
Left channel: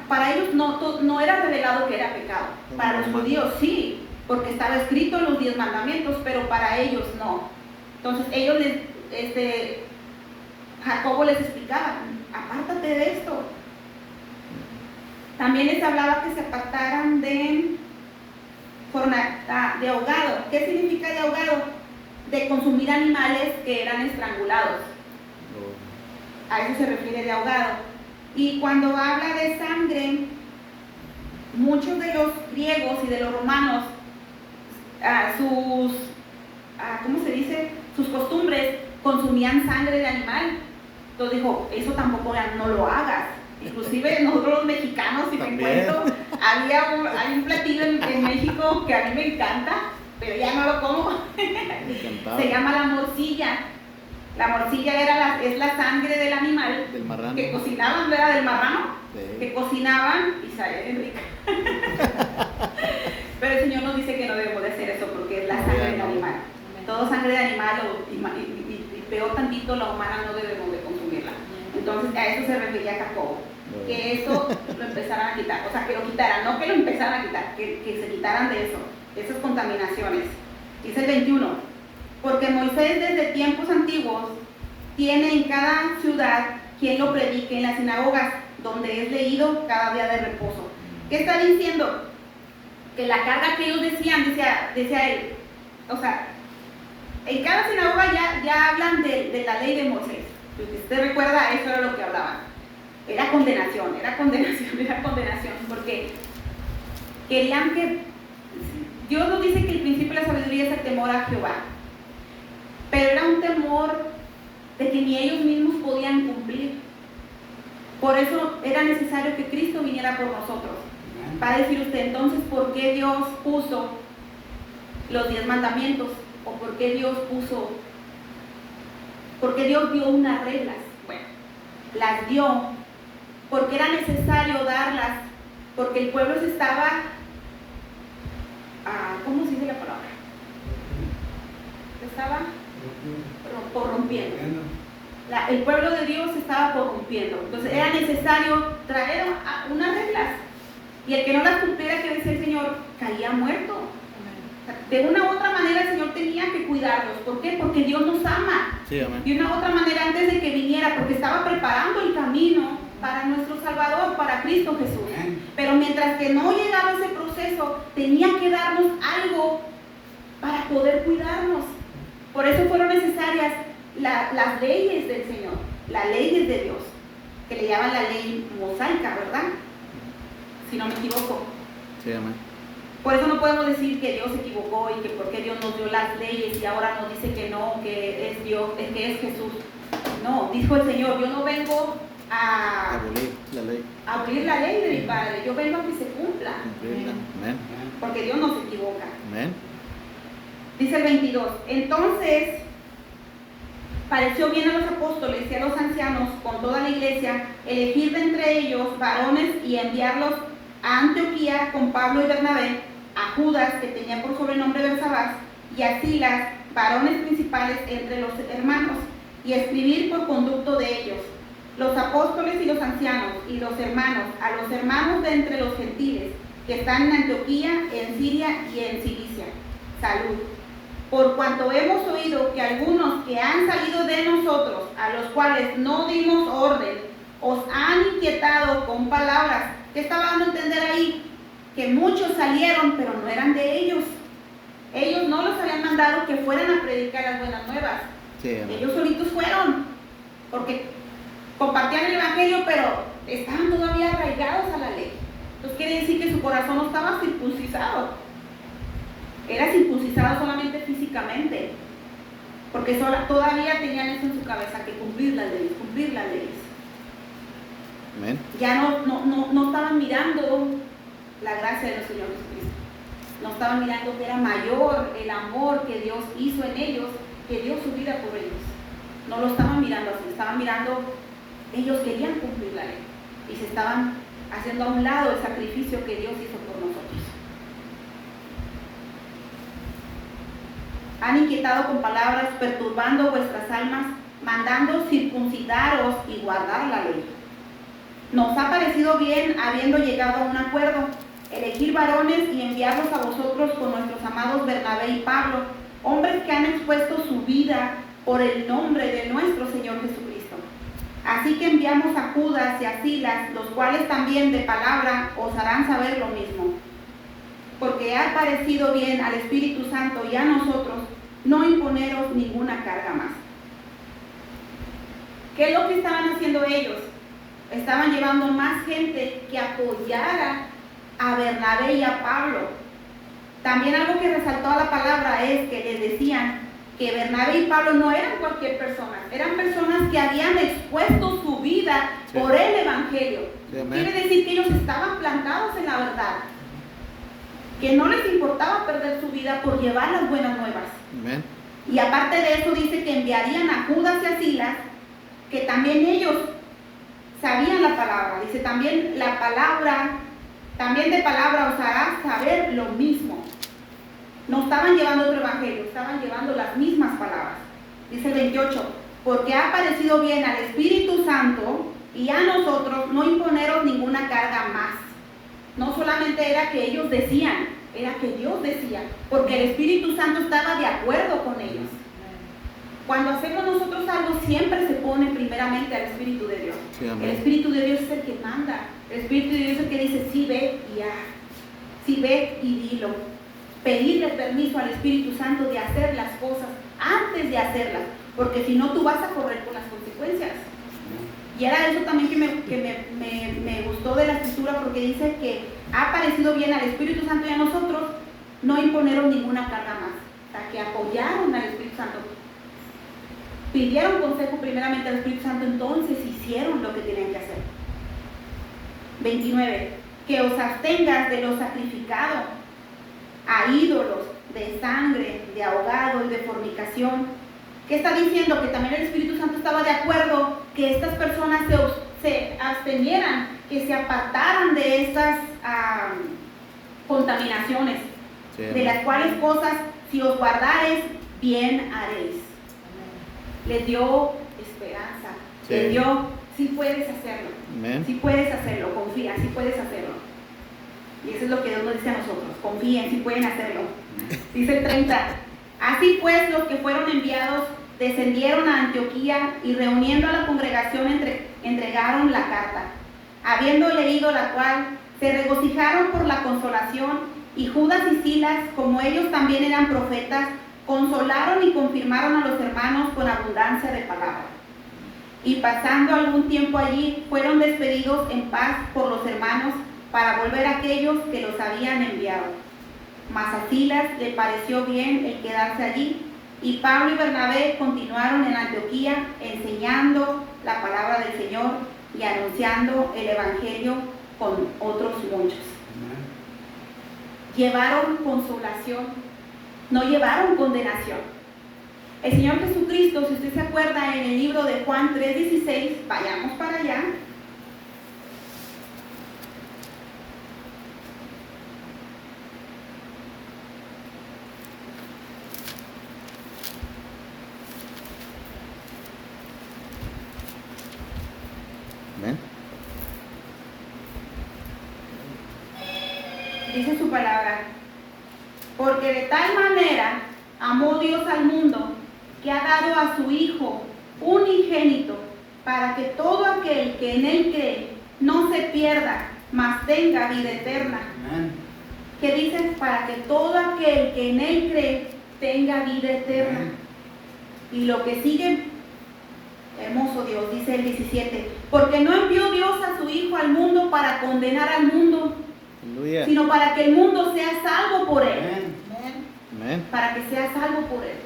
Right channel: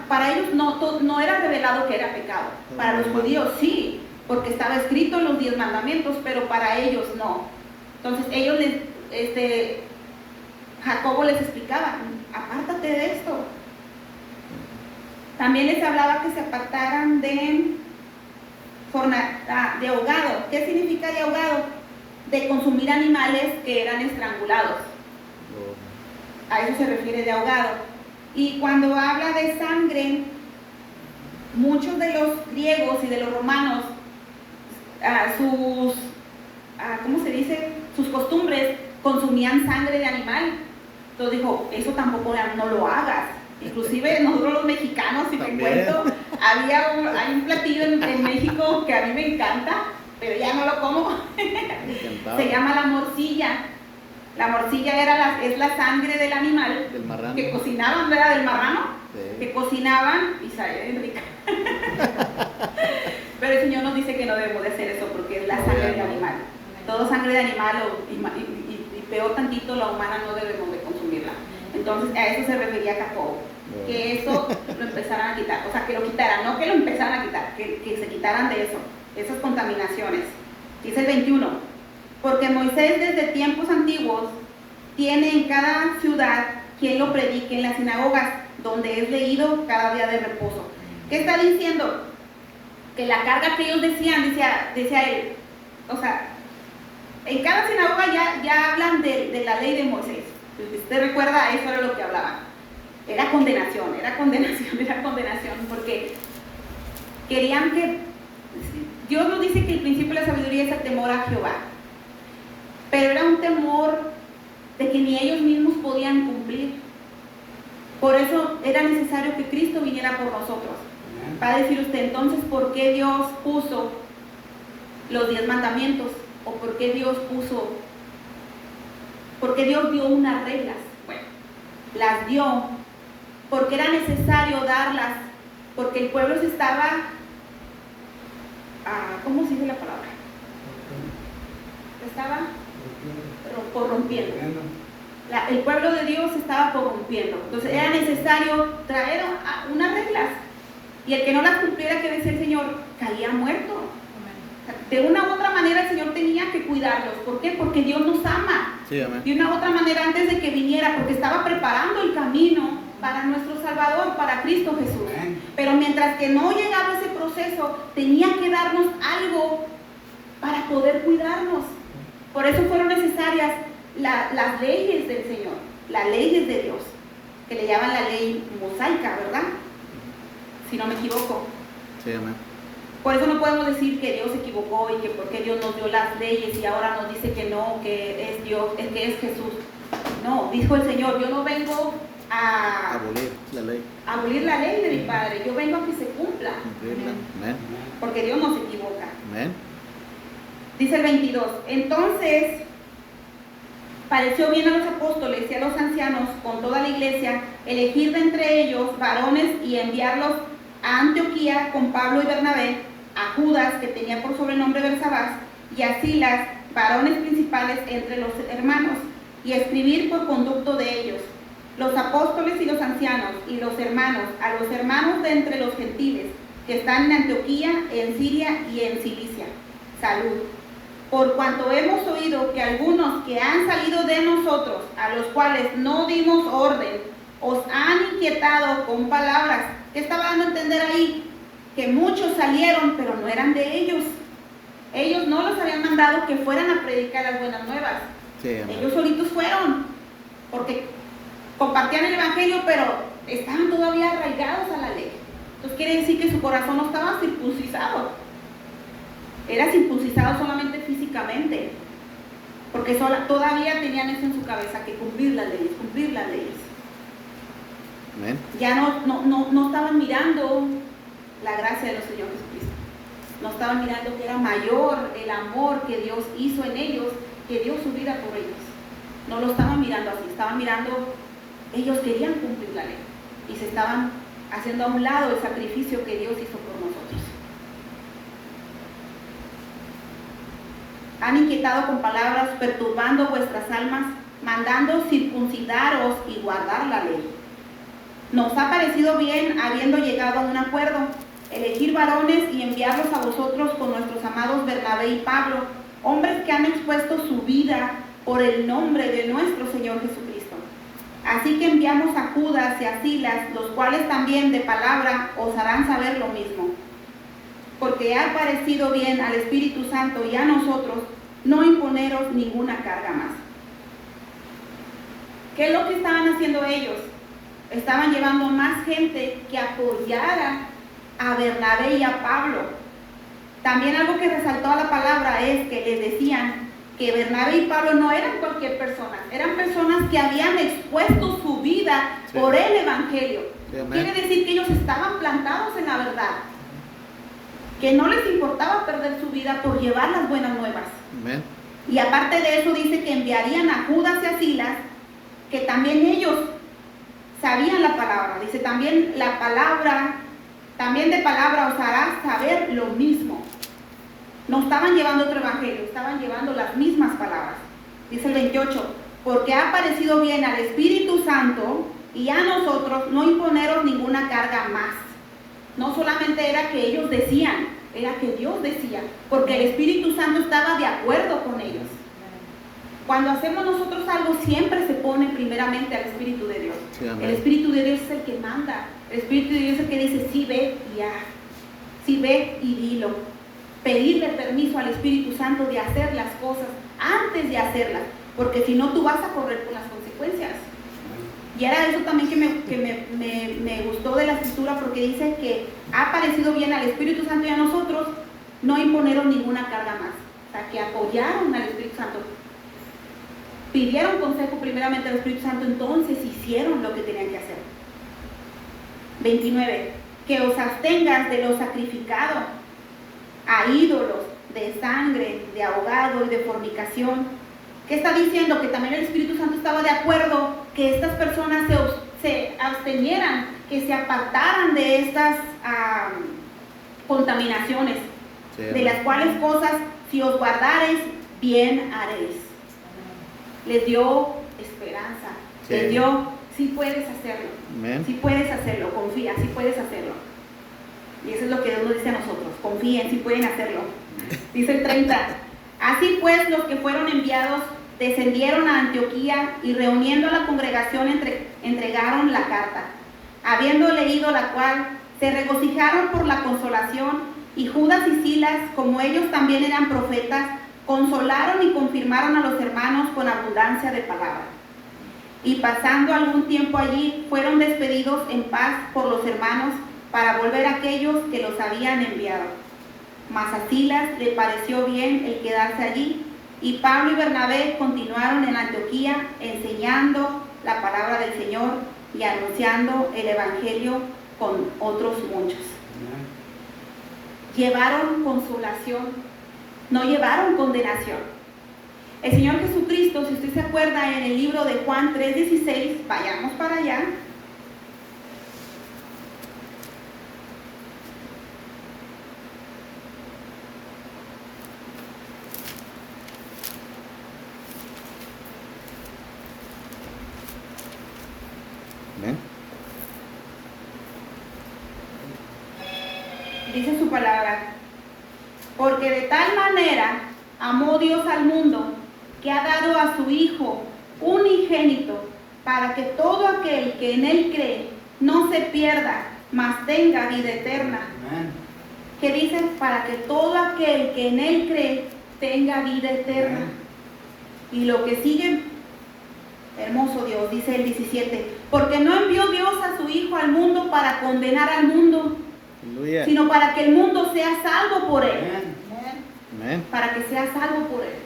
Para ellos no era revelado que era pecado. Para los judíos sí, porque estaba escrito en los 10 mandamientos, pero para ellos no. Entonces ellos Jacobo les explicaba, apártate de esto. También les hablaba que se apartaran de ahogado. ¿Qué significa de ahogado? De consumir animales que eran estrangulados. A eso se refiere de ahogado. Y cuando habla de sangre, muchos de los griegos y de los romanos, sus costumbres consumían sangre de animal. Entonces dijo, eso tampoco no lo hagas. Inclusive nosotros los mexicanos, si te cuento, hay un platillo en México que a mí me encanta, pero ya no lo como. Se llama la morcilla. La morcilla es la sangre del animal, del marrano, que cocinaban, ¿verdad? Del marrano, sí, que cocinaban y sabía bien rica. Pero el Señor nos dice que no debemos de hacer eso porque es la sangre del animal. Todo sangre de animal y peor tantito la humana no debemos de consumirla. Entonces a eso se refería Jacobo, que eso lo empezaran a quitar, o sea, que lo quitaran, no que lo empezaran a quitar, que se quitaran de eso, de esas contaminaciones. Dice el 21, porque Moisés desde tiempos antiguos tiene en cada ciudad quien lo predique en las sinagogas, donde es leído cada día de reposo. ¿Qué está diciendo? Que la carga que ellos decían, decía él, o sea, en cada sinagoga ya hablan de la ley de Moisés. Si usted recuerda, eso era lo que hablaban. Era condenación, porque querían que... Dios nos dice que el principio de la sabiduría es el temor a Jehová, pero era un temor de que ni ellos mismos podían cumplir. Por eso era necesario que Cristo viniera por nosotros. Va a decir usted, entonces, ¿por qué Dios puso los 10 mandamientos? ¿O por qué Dios dio unas reglas? Bueno, las dio porque era necesario darlas, porque el pueblo se estaba, ¿cómo se dice la palabra? Se estaba corrompiendo. El pueblo de Dios se estaba corrompiendo. Entonces era necesario traer unas reglas. Y el que no las cumpliera, que decía el Señor, caía muerto. De una u otra manera el Señor tenía que cuidarlos. ¿Por qué? Porque Dios nos ama. Sí, amén. De una u otra manera antes de que viniera, porque estaba preparando el camino para nuestro Salvador, para Cristo Jesús. Pero mientras que no llegaba ese proceso, tenía que darnos algo para poder cuidarnos. Por eso fueron necesarias las leyes del Señor, las leyes de Dios, que le llaman la ley mosaica, ¿verdad? Si no me equivoco. Sí, amén. Por eso no podemos decir que Dios se equivocó y que porque Dios nos dio las leyes y ahora nos dice que no, que es Dios, que es Jesús. No, dijo el Señor, yo no vengo a abolir la ley de mi Padre, yo vengo a que se cumpla. Cumplirla. Amén. Porque Dios no se equivoca. Amén. Dice el 22, entonces pareció bien a los apóstoles y a los ancianos con toda la iglesia elegir de entre ellos varones y enviarlos a Antioquía con Pablo y Bernabé, a Judas, que tenía por sobrenombre Bersabás, y a Silas, varones principales entre los hermanos, y escribir por conducto de ellos, los apóstoles y los ancianos, y los hermanos, a los hermanos de entre los gentiles, que están en Antioquía, en Siria y en Cilicia. Salud. por cuanto hemos oído que algunos que han salido de nosotros, a los cuales no dimos orden, os han inquietado con palabras. ¿Qué estaba dando a entender ahí? Que muchos salieron, pero no eran de ellos. Ellos no los habían mandado que fueran a predicar las buenas nuevas. Sí, amén. Ellos solitos fueron, porque compartían el evangelio, pero estaban todavía arraigados a la ley. Entonces quiere decir que su corazón no estaba circuncisado. Era circuncisado solamente físicamente, porque todavía tenían eso en su cabeza, que cumplir las leyes, cumplir las leyes. Amén. Ya no estaban mirando la gracia de nuestro Señor Jesucristo. No estaban mirando que era mayor el amor que Dios hizo en ellos, que dio su vida por ellos. No lo estaban mirando así, estaban mirando, ellos querían cumplir la ley y se estaban haciendo a un lado el sacrificio que Dios hizo por nosotros. Han inquietado con palabras, perturbando vuestras almas, mandando circuncidaros y guardar la ley. Nos ha parecido bien, habiendo llegado a un acuerdo, elegir varones y enviarlos a vosotros con nuestros amados Bernabé y Pablo, hombres que han expuesto su vida por el nombre de nuestro Señor Jesucristo. Así que enviamos a Judas y a Silas, los cuales también de palabra os harán saber lo mismo. Porque ha parecido bien al Espíritu Santo y a nosotros no imponeros ninguna carga más. ¿Qué es lo que estaban haciendo ellos? Estaban llevando más gente que apoyara a Bernabé y a Pablo. También algo que resaltó a la palabra es que les decían que Bernabé y Pablo no eran cualquier persona, eran personas que habían expuesto su vida por el Evangelio. Sí, amén. Quiere decir que ellos estaban plantados en la verdad, que no les importaba perder su vida por llevar las buenas nuevas. Amén. Y aparte de eso dice que enviarían a Judas y a Silas, que también ellos sabían la palabra. Dice también la palabra, también de palabra os hará saber lo mismo. No estaban llevando otro evangelio, estaban llevando las mismas palabras. Dice el 28, porque ha parecido bien al Espíritu Santo y a nosotros no imponeros ninguna carga más. No solamente era que ellos decían, era que Dios decía, porque el Espíritu Santo estaba de acuerdo con ellos. Cuando hacemos nosotros algo, siempre se pone primeramente al Espíritu de Dios. Sí, amén. El Espíritu de Dios es el que manda. El Espíritu de Dios es el que dice, sí ve y haz, sí ve y dilo. Pedirle permiso al Espíritu Santo de hacer las cosas antes de hacerlas, porque si no tú vas a correr por las consecuencias. Y era eso también que me gustó de la escritura, porque dice que ha parecido bien al Espíritu Santo y a nosotros no imponeron ninguna carga más. O sea, que apoyaron al Espíritu Santo. Pidieron consejo primeramente al Espíritu Santo, entonces hicieron lo que tenían que hacer. 29. Que os abstengas de lo sacrificado a ídolos, de sangre, de ahogado y de fornicación. ¿Qué está diciendo? Que también el Espíritu Santo estaba de acuerdo que estas personas se abstenieran, que se apartaran de estas contaminaciones, Sí, de amén. las cuales cosas, si os guardareis, bien haréis. Les dio esperanza, Sí. les dio, sí puedes hacerlo, Amén. sí puedes hacerlo, confía, sí puedes hacerlo. Y eso es lo que Dios nos dice a nosotros, confíen, sí pueden hacerlo. Dice el 30, así pues los que fueron enviados descendieron a Antioquía y reuniendo a la congregación entregaron la carta. Habiendo leído la cual, se regocijaron por la consolación, y Judas y Silas, como ellos también eran profetas, consolaron y confirmaron a los hermanos con abundancia de palabra. Y pasando algún tiempo allí, fueron despedidos en paz por los hermanos para volver a aquellos que los habían enviado. Mas a Silas le pareció bien el quedarse allí, y Pablo y Bernabé continuaron en Antioquía enseñando la palabra del Señor y anunciando el Evangelio con otros muchos. Llevaron consolación, no llevaron condenación. El Señor Jesucristo, si usted se acuerda en el libro de Juan 3:16, vayamos para allá. Amén. Dice su palabra, porque de tal manera amó Dios al mundo, que ha dado a su Hijo unigénito, para que todo aquel que en Él cree no se pierda, mas tenga vida eterna. Amén. Que dice, para que todo aquel que en Él cree tenga vida eterna. Y lo que sigue, hermoso Dios, dice el 17, porque no envió Dios a su Hijo al mundo para condenar al mundo, Aleluya. sino para que el mundo sea salvo por Él. Amén. Amén. Para que sea salvo por Él.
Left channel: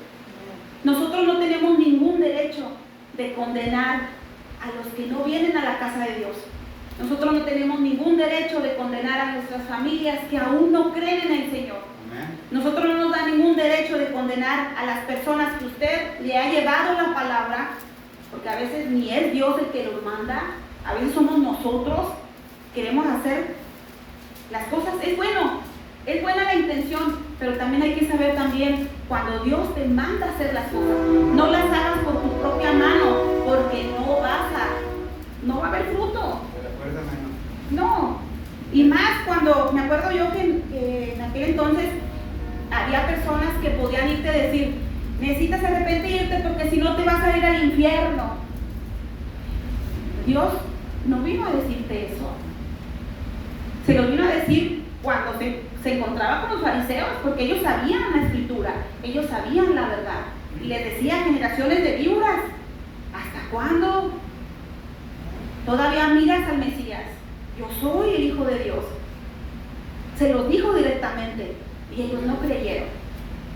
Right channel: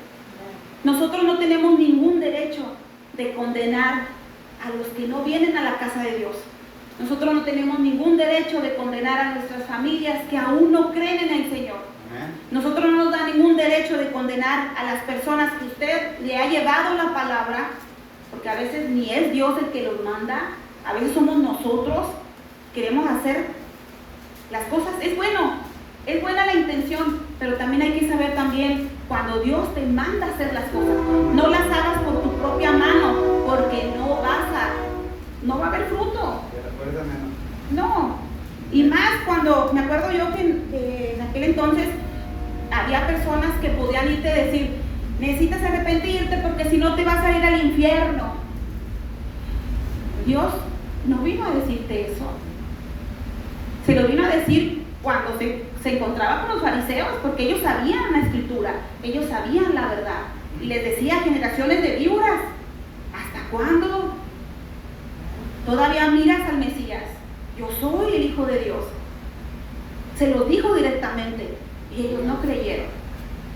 Nosotros no tenemos ningún derecho de condenar a los que no vienen a la casa de Dios. Nosotros no tenemos ningún derecho de condenar a nuestras familias que aún no creen en el Señor. Amén. Nosotros no nos da ningún derecho de condenar a las personas que usted le ha llevado la palabra, porque a veces ni es Dios el que los manda, a veces somos nosotros, queremos hacer las cosas. Es bueno, es buena la intención, pero también hay que saber también cuando Dios te manda a hacer las cosas, no las hagas por tu propia mano, porque no va a haber fruto. Recuérdame. No, y más cuando, me acuerdo yo que en aquel entonces había personas que podían irte a decir, necesitas arrepentirte porque si no te vas a ir al infierno. Dios no vino a decirte eso, se lo vino a decir cuando se encontraba con los fariseos, porque ellos sabían la escritura, ellos sabían la verdad, y les decía, generaciones de víboras, ¿hasta cuándo todavía miras al Mesías? Yo soy el Hijo de Dios. Se los dijo directamente y ellos no creyeron.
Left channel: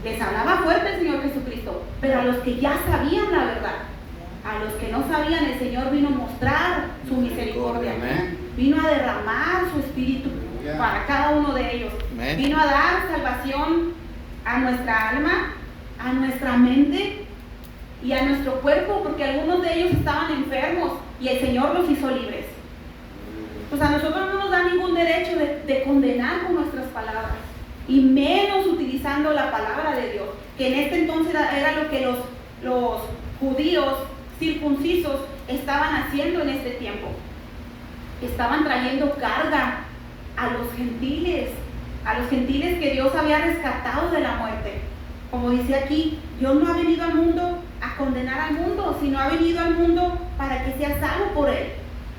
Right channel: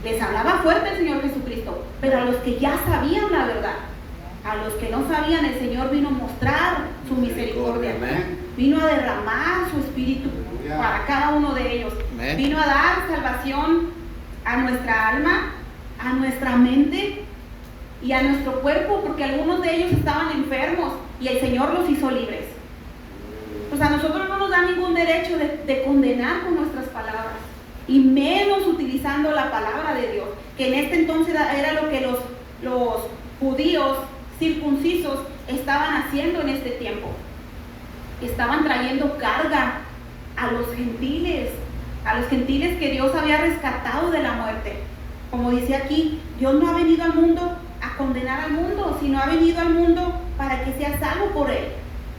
Les hablaba fuerte el Señor Jesucristo, pero a los que ya sabían la verdad, a los que no sabían, el Señor vino a mostrar su misericordia. Amén. Vino a derramar su espíritu para cada uno de ellos. Amén. Vino a dar salvación a nuestra alma, a nuestra mente y a nuestro cuerpo, porque algunos de ellos estaban enfermos y el Señor los hizo libres. Pues a nosotros no nos da ningún derecho de condenar con nuestras palabras, y menos utilizando la palabra de Dios, que en este entonces era lo que los judíos circuncisos estaban haciendo en este tiempo. Estaban trayendo carga a los gentiles que Dios había rescatado de la muerte. Como dice aquí, Dios no ha venido al mundo a condenar al mundo, sino ha venido al mundo para que sea salvo por Él.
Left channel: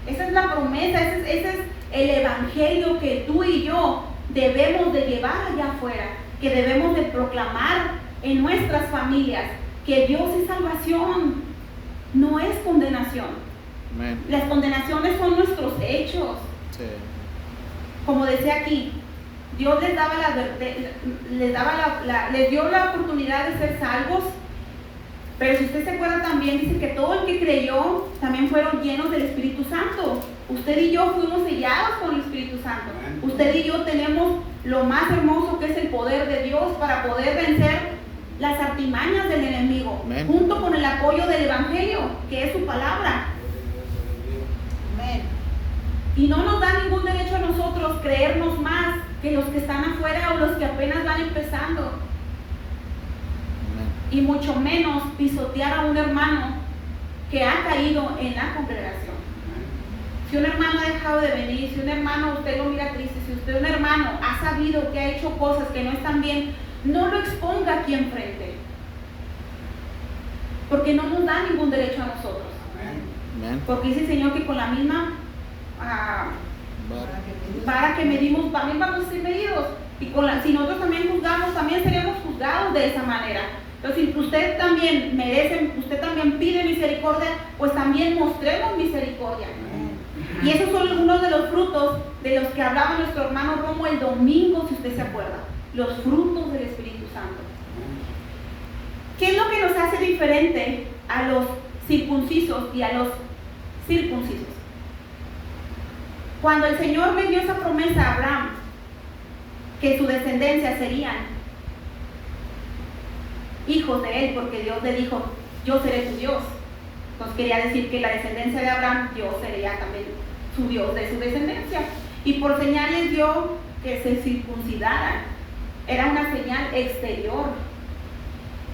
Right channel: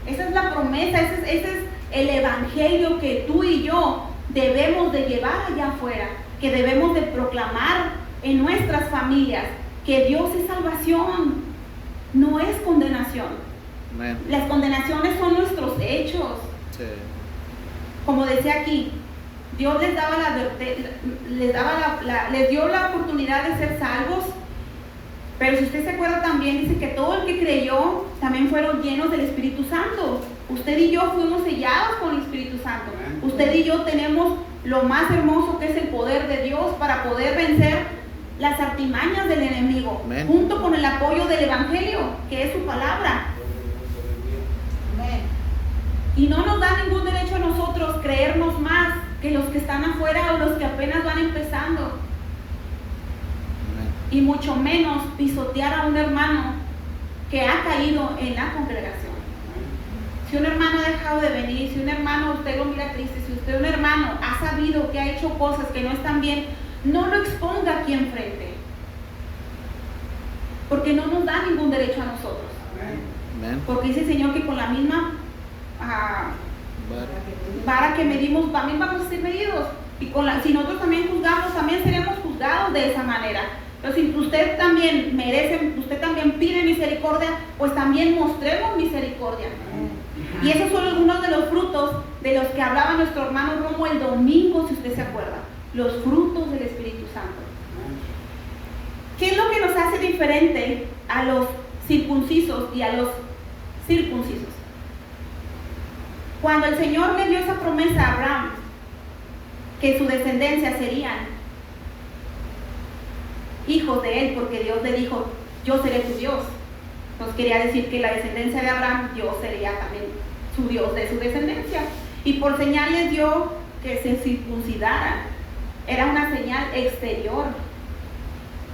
Esa es la promesa, ese es el evangelio que tú y yo debemos de llevar allá afuera, que debemos de proclamar en nuestras familias, que Dios es salvación, no es condenación. Amén. Las condenaciones son nuestros hechos. Sí. Como decía aquí, Dios les daba les dio la oportunidad de ser salvos, pero si usted se acuerda también, dice que todo el que creyó también fueron llenos del Espíritu Santo. Usted y yo fuimos sellados con el Espíritu Santo. Usted y yo tenemos lo más hermoso que es el poder de Dios para poder vencer las artimañas del enemigo, Amén. junto con el apoyo del Evangelio, que es su palabra. Y no nos da ningún derecho a nosotros creernos más que los que están afuera o los que apenas van empezando. Amén. Y mucho menos pisotear a un hermano que ha caído en la congregación. Si un hermano ha dejado de venir, si un hermano usted lo mira triste, si usted un hermano ha sabido que ha hecho cosas que no están bien, no lo exponga aquí enfrente, porque no nos da ningún derecho a nosotros. Amén. Porque dice el Señor que con la misma vara que medimos, también vamos a ser medidos. Y si nosotros también juzgamos, también seremos juzgados de esa manera. Pero si usted también merece, usted también pide misericordia, pues también mostremos misericordia. Y esos son algunos de los frutos de los que hablaba nuestro hermano Romo el domingo, si usted se acuerda. Los frutos del Espíritu Santo. ¿Qué es lo que nos hace diferente a los circuncisos y a los circuncisos? Cuando el Señor le dio esa promesa a Abraham, que su descendencia serían hijos de él, porque Dios le dijo, yo seré tu Dios. Entonces quería decir que la descendencia de Abraham, Dios sería también su Dios de su descendencia. Y por señal les dio que se circuncidaran. Era una señal exterior.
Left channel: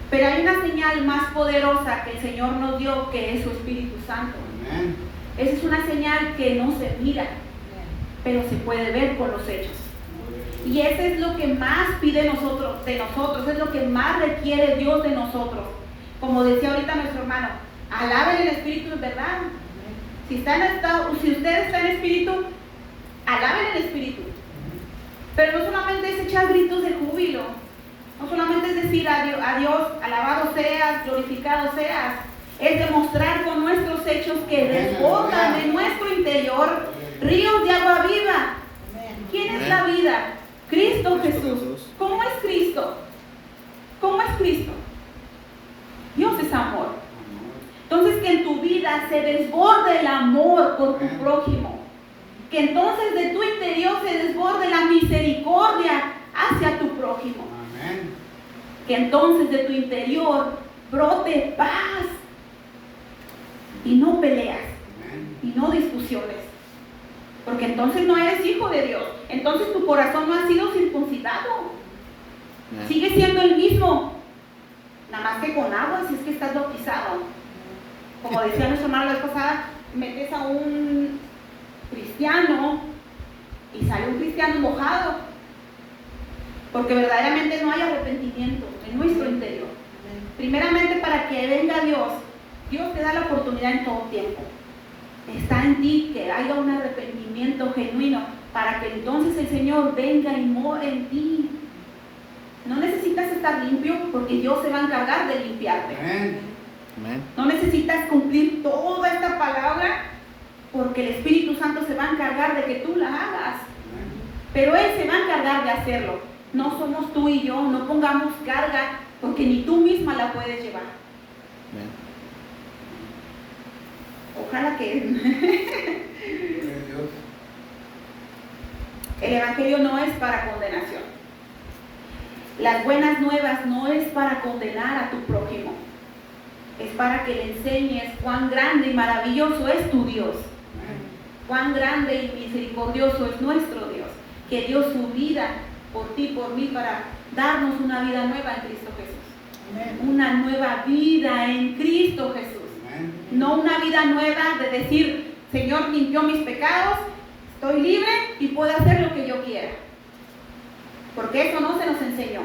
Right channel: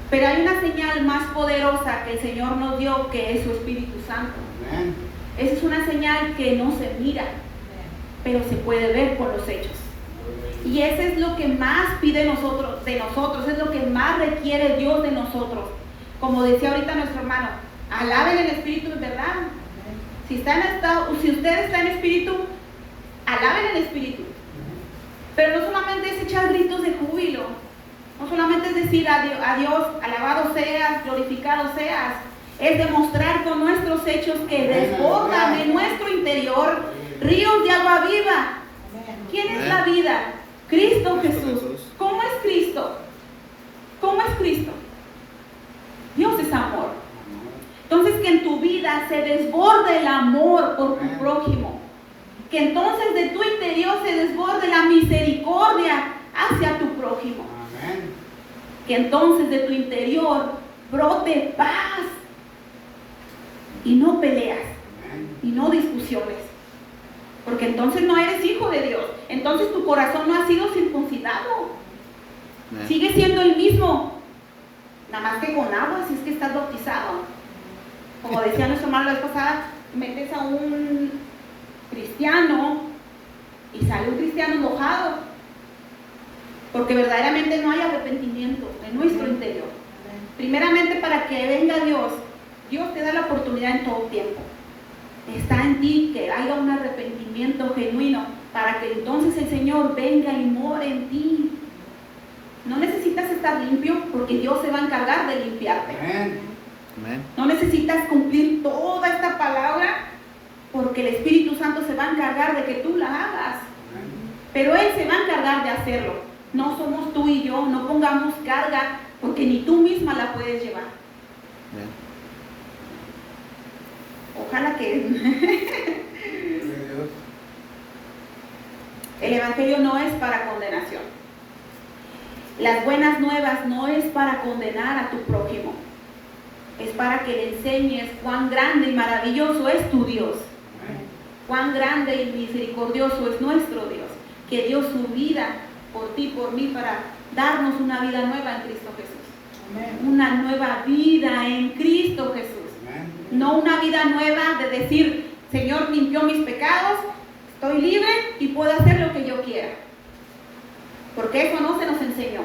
Pero hay una señal más poderosa que el Señor nos dio, que es su Espíritu Santo. Amén. Esa es una señal que no se mira, pero se puede ver por los hechos. Y eso es lo que más pide de nosotros, es lo que más requiere Dios de nosotros. Como decía ahorita nuestro hermano, alaben el Espíritu, ¿verdad? Si usted está en Espíritu, alaben el Espíritu. Pero no solamente es echar gritos de júbilo, no solamente es decir a Dios, alabado seas, glorificado seas, es demostrar con nuestros hechos que desbordan de nuestro interior ríos de agua viva. ¿Quién es la vida? Cristo Jesús. ¿Cómo es Cristo? ¿Cómo es Cristo? Dios es amor. Entonces, que en tu vida se desborde el amor por tu prójimo. Que entonces de tu interior se desborde la misericordia hacia tu prójimo. Que entonces de tu interior brote paz y no peleas y no discusiones. Porque entonces no eres hijo de Dios. Entonces tu corazón no ha sido circuncidado. Sigue siendo el mismo, nada más que con agua, si es que estás bautizado. Como decía nuestro hermano la vez pasada, metes a un cristiano y sale un cristiano mojado. Porque verdaderamente no hay arrepentimiento en nuestro interior. Primeramente, para que venga Dios, Dios te da la oportunidad en todo tiempo. Está en ti que haya un arrepentimiento genuino, para que entonces el Señor venga y more en ti. No necesitas estar limpio, porque Dios se va a encargar de limpiarte. Amén. No necesitas cumplir toda esta palabra, porque el Espíritu Santo se va a encargar de que tú la hagas. Pero Él se va a encargar de hacerlo. No somos tú y yo, no pongamos carga, porque ni tú misma la puedes llevar. Amén. Ojalá que el Evangelio no es para condenación. Las buenas nuevas no es para condenar a tu prójimo. Es para que le enseñes cuán grande y maravilloso es tu Dios. Cuán grande y misericordioso es nuestro Dios, que dio su vida por ti, por mí, para darnos una vida nueva en Cristo Jesús. Una nueva vida en Cristo Jesús. No una vida nueva de decir, Señor limpió mis pecados, estoy libre y puedo hacer lo que yo quiera. Porque eso no se nos enseñó.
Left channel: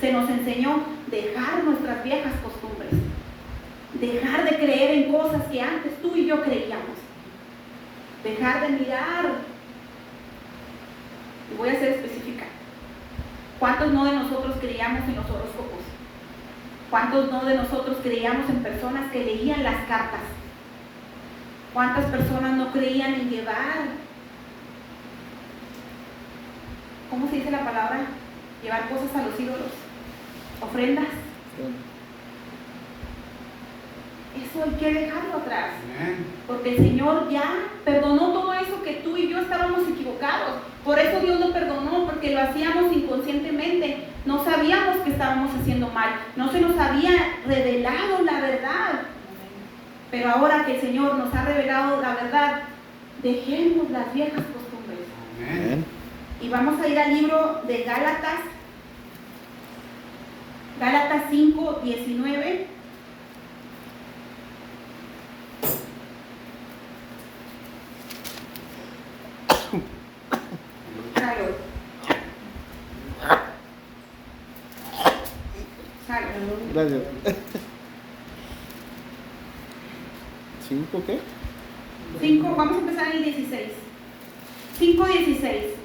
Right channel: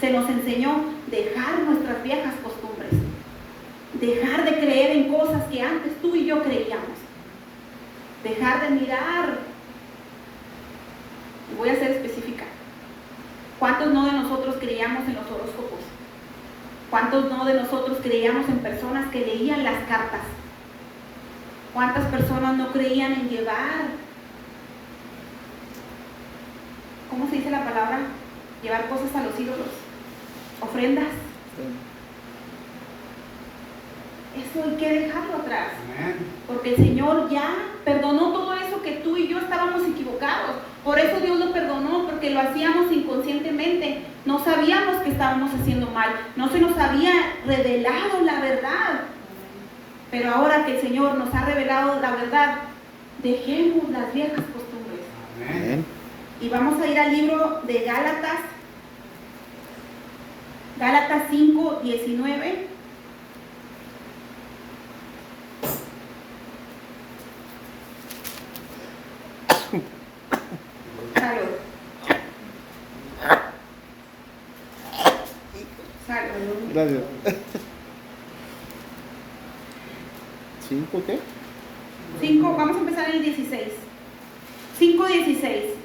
Se nos enseñó dejar nuestras viejas costumbres. Dejar de creer en cosas que antes tú y yo creíamos. Dejar de mirar. Y voy a ser específica. ¿Cuántos no de nosotros creíamos en los horóscopos? ¿Cuántos no de nosotros creíamos en personas que leían las cartas? ¿Cuántas personas no creían en llevar? ¿Cómo se dice la palabra? Llevar cosas a los ídolos. Ofrendas. Eso hay que dejarlo atrás. Porque el Señor ya perdonó todo eso que tú y yo estábamos equivocados. Por eso Dios lo perdonó, porque lo hacíamos inconscientemente. No sabíamos que estábamos haciendo mal. No se nos había revelado la verdad. Pero ahora que el Señor nos ha revelado la verdad, dejemos las viejas costumbres. Amén. Y vamos a ir al libro de Gálatas. Gálatas 5, 19. Salud. Salud. Gracias. ¿5 qué? 5, vamos a empezar en el 16. 5:16.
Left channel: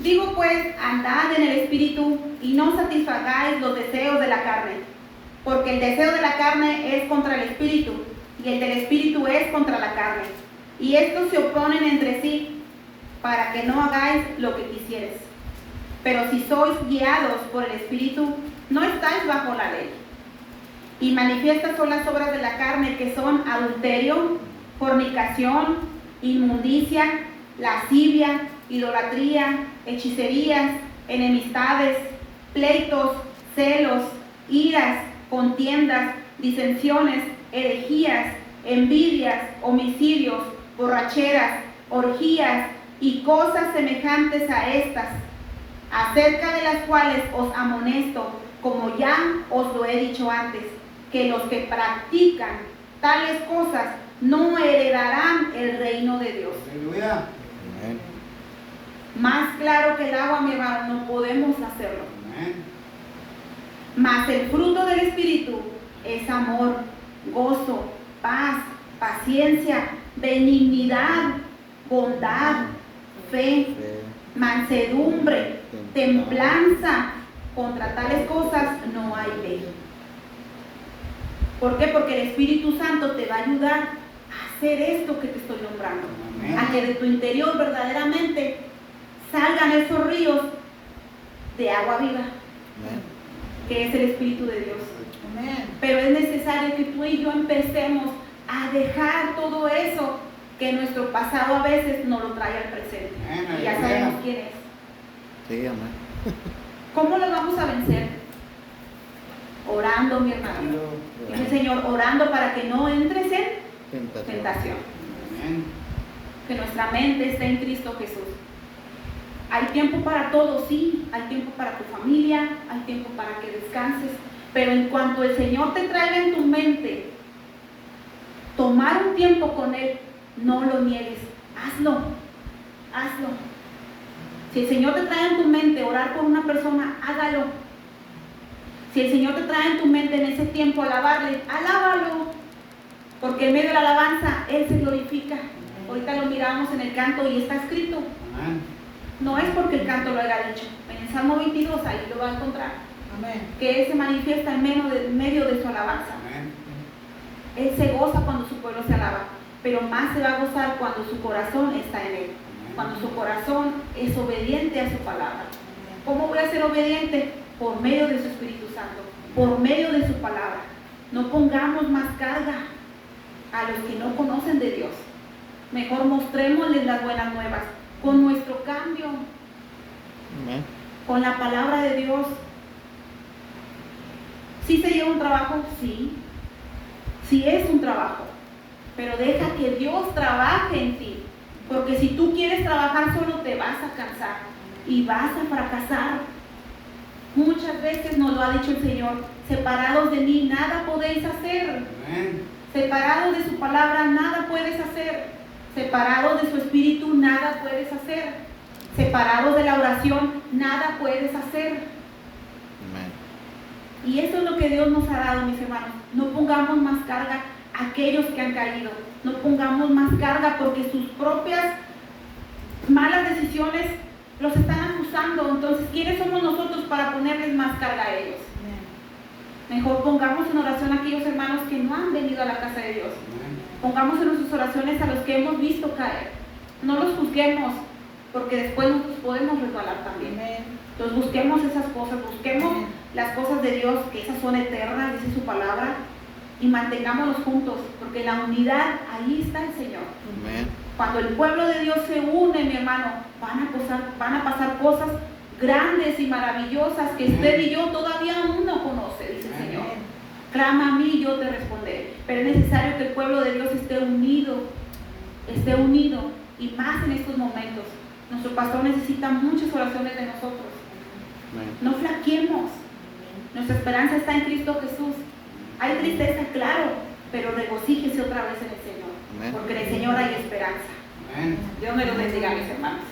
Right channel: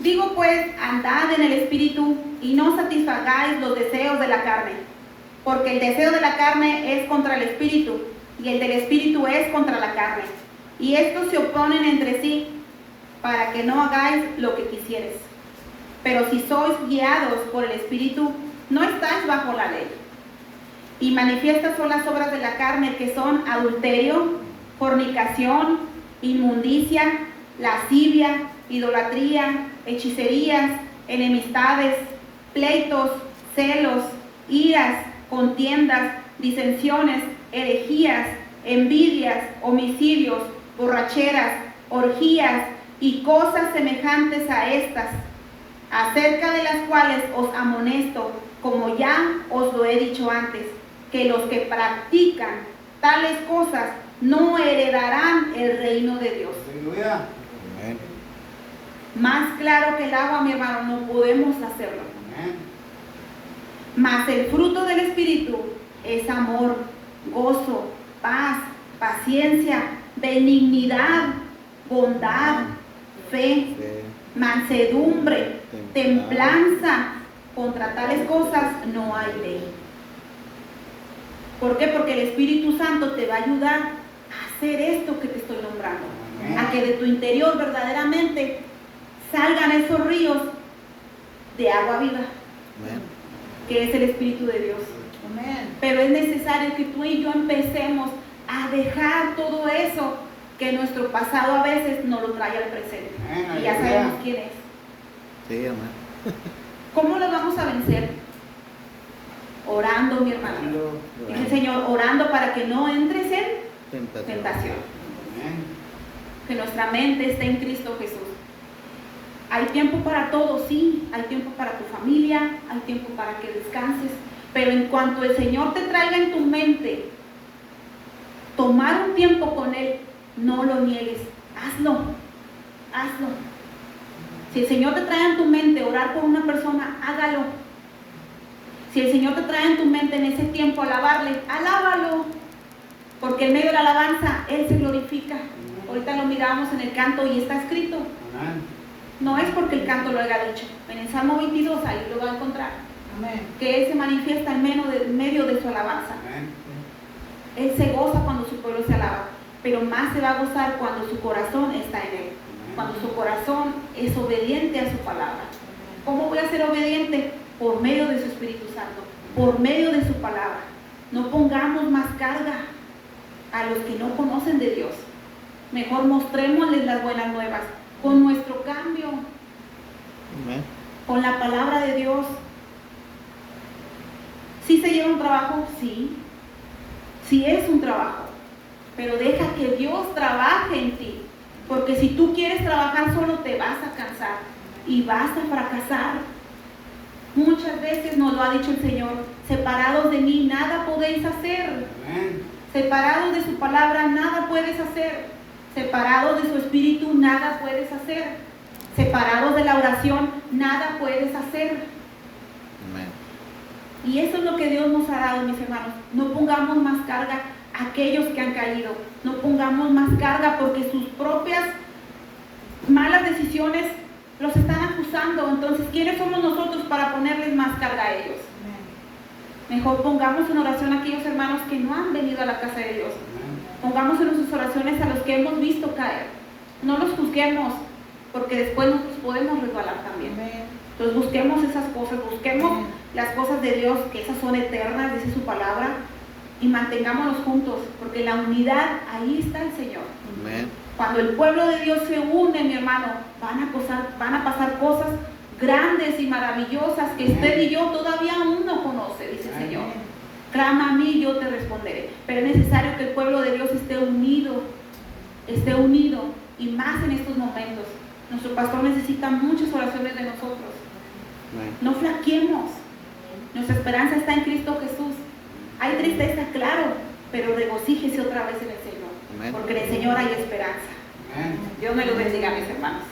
Digo pues, andad en el Espíritu y no satisfagáis los deseos de la carne, porque el deseo de la carne es contra el Espíritu, y el del Espíritu es contra la carne. Y estos se oponen entre sí, para que no hagáis lo que quisieres. Pero si sois guiados por el Espíritu, no estáis bajo la ley. Y manifiestas son las obras de la carne, que son adulterio, fornicación, inmundicia, lascivia, idolatría, hechicerías, enemistades, pleitos, celos, iras, contiendas, disensiones, herejías, envidias, homicidios, borracheras, orgías y cosas semejantes a estas, acerca de las cuales os amonesto, como ya os lo he dicho antes, que los que practican tales cosas no heredarán el reino de Dios. Amén. Más claro que el agua, mi hermano, no podemos hacerlo. Mas el fruto del Espíritu es amor, gozo, paz, paciencia, benignidad, bondad, fe, Fe, mansedumbre, templanza. Contra tales cosas no hay ley. ¿Por qué? Porque el Espíritu Santo te va a ayudar a hacer esto que te estoy nombrando. A que de tu interior verdaderamente salgan esos ríos de agua viva, Amén. que es el Espíritu de Dios. Pero es necesario que tú y yo empecemos a dejar todo eso que nuestro pasado a veces nos lo trae al presente. Y ya sabemos quién es. Sí, amén. ¿Cómo lo vamos a vencer? Orando, mi hermano. Dice el Señor, orando para que no entres en tentación. Que nuestra mente esté en Cristo Jesús. Hay tiempo para todo, sí. Hay tiempo para tu familia, hay tiempo para que descanses. Pero en cuanto el Señor te traiga en tu mente tomar un tiempo con Él, no lo niegues. Hazlo. Hazlo. Si el Señor te trae en tu mente orar por una persona, hágalo. Si el Señor te trae en tu mente en ese tiempo alabarle, alábalo. Porque en medio de la alabanza Él se glorifica. Ahorita lo miramos en el canto y está escrito. No es porque el canto lo haya dicho. En el Salmo 22 ahí lo va a encontrar. Que Él se manifiesta en medio de su alabanza. Él se goza cuando su pueblo se alaba, pero más se va a gozar cuando su corazón está en Él. Cuando su corazón es obediente a su palabra. ¿Cómo voy a ser obediente? Por medio de su Espíritu Santo, por medio de su palabra. No pongamos más carga a los que no conocen de Dios. Mejor mostrémosles las buenas nuevas con nuestro cambio, Amén. con la palabra de Dios. ¿Sí se lleva un trabajo? Sí. Sí es un trabajo. Pero deja que Dios trabaje en ti. Porque si tú quieres trabajar solo te vas a cansar y vas a fracasar. Muchas veces nos lo ha dicho el Señor: separados de mí nada podéis hacer. Separados de su palabra nada puedes hacer. Separados de su espíritu nada puedes hacer. Separados de la oración nada puedes hacer. Amén. Y eso es lo que Dios nos ha dado, mis hermanos. No pongamos más carga a aquellos que han caído. No pongamos más carga porque sus propias malas decisiones los están acusando. Entonces, ¿quiénes somos nosotros para ponerles más carga a ellos? Mejor pongamos en oración a aquellos hermanos que no han venido a la casa de Dios. Pongamos en nuestras oraciones a los que hemos visto caer. No los juzguemos, porque después nosotros podemos resbalar también. Entonces busquemos esas cosas, busquemos las cosas de Dios, que esas son eternas, dice su palabra, y mantengámonos juntos, porque la unidad, ahí está el Señor. Amén. Cuando el pueblo de Dios se une, mi hermano, van a pasar cosas grandes y maravillosas que usted y yo todavía aún no conoce, dice el Señor. Clama a mí y yo te responderé. Pero es necesario que el pueblo de Dios esté unido, y más en estos momentos. Nuestro pastor necesita muchas oraciones de nosotros. Amén. No flaqueemos. Nuestra esperanza está en Cristo Jesús. Hay tristeza, claro, pero regocíjese otra vez en el Señor. Amén. Porque en el Señor hay esperanza. Dios me lo bendiga, mis hermanos.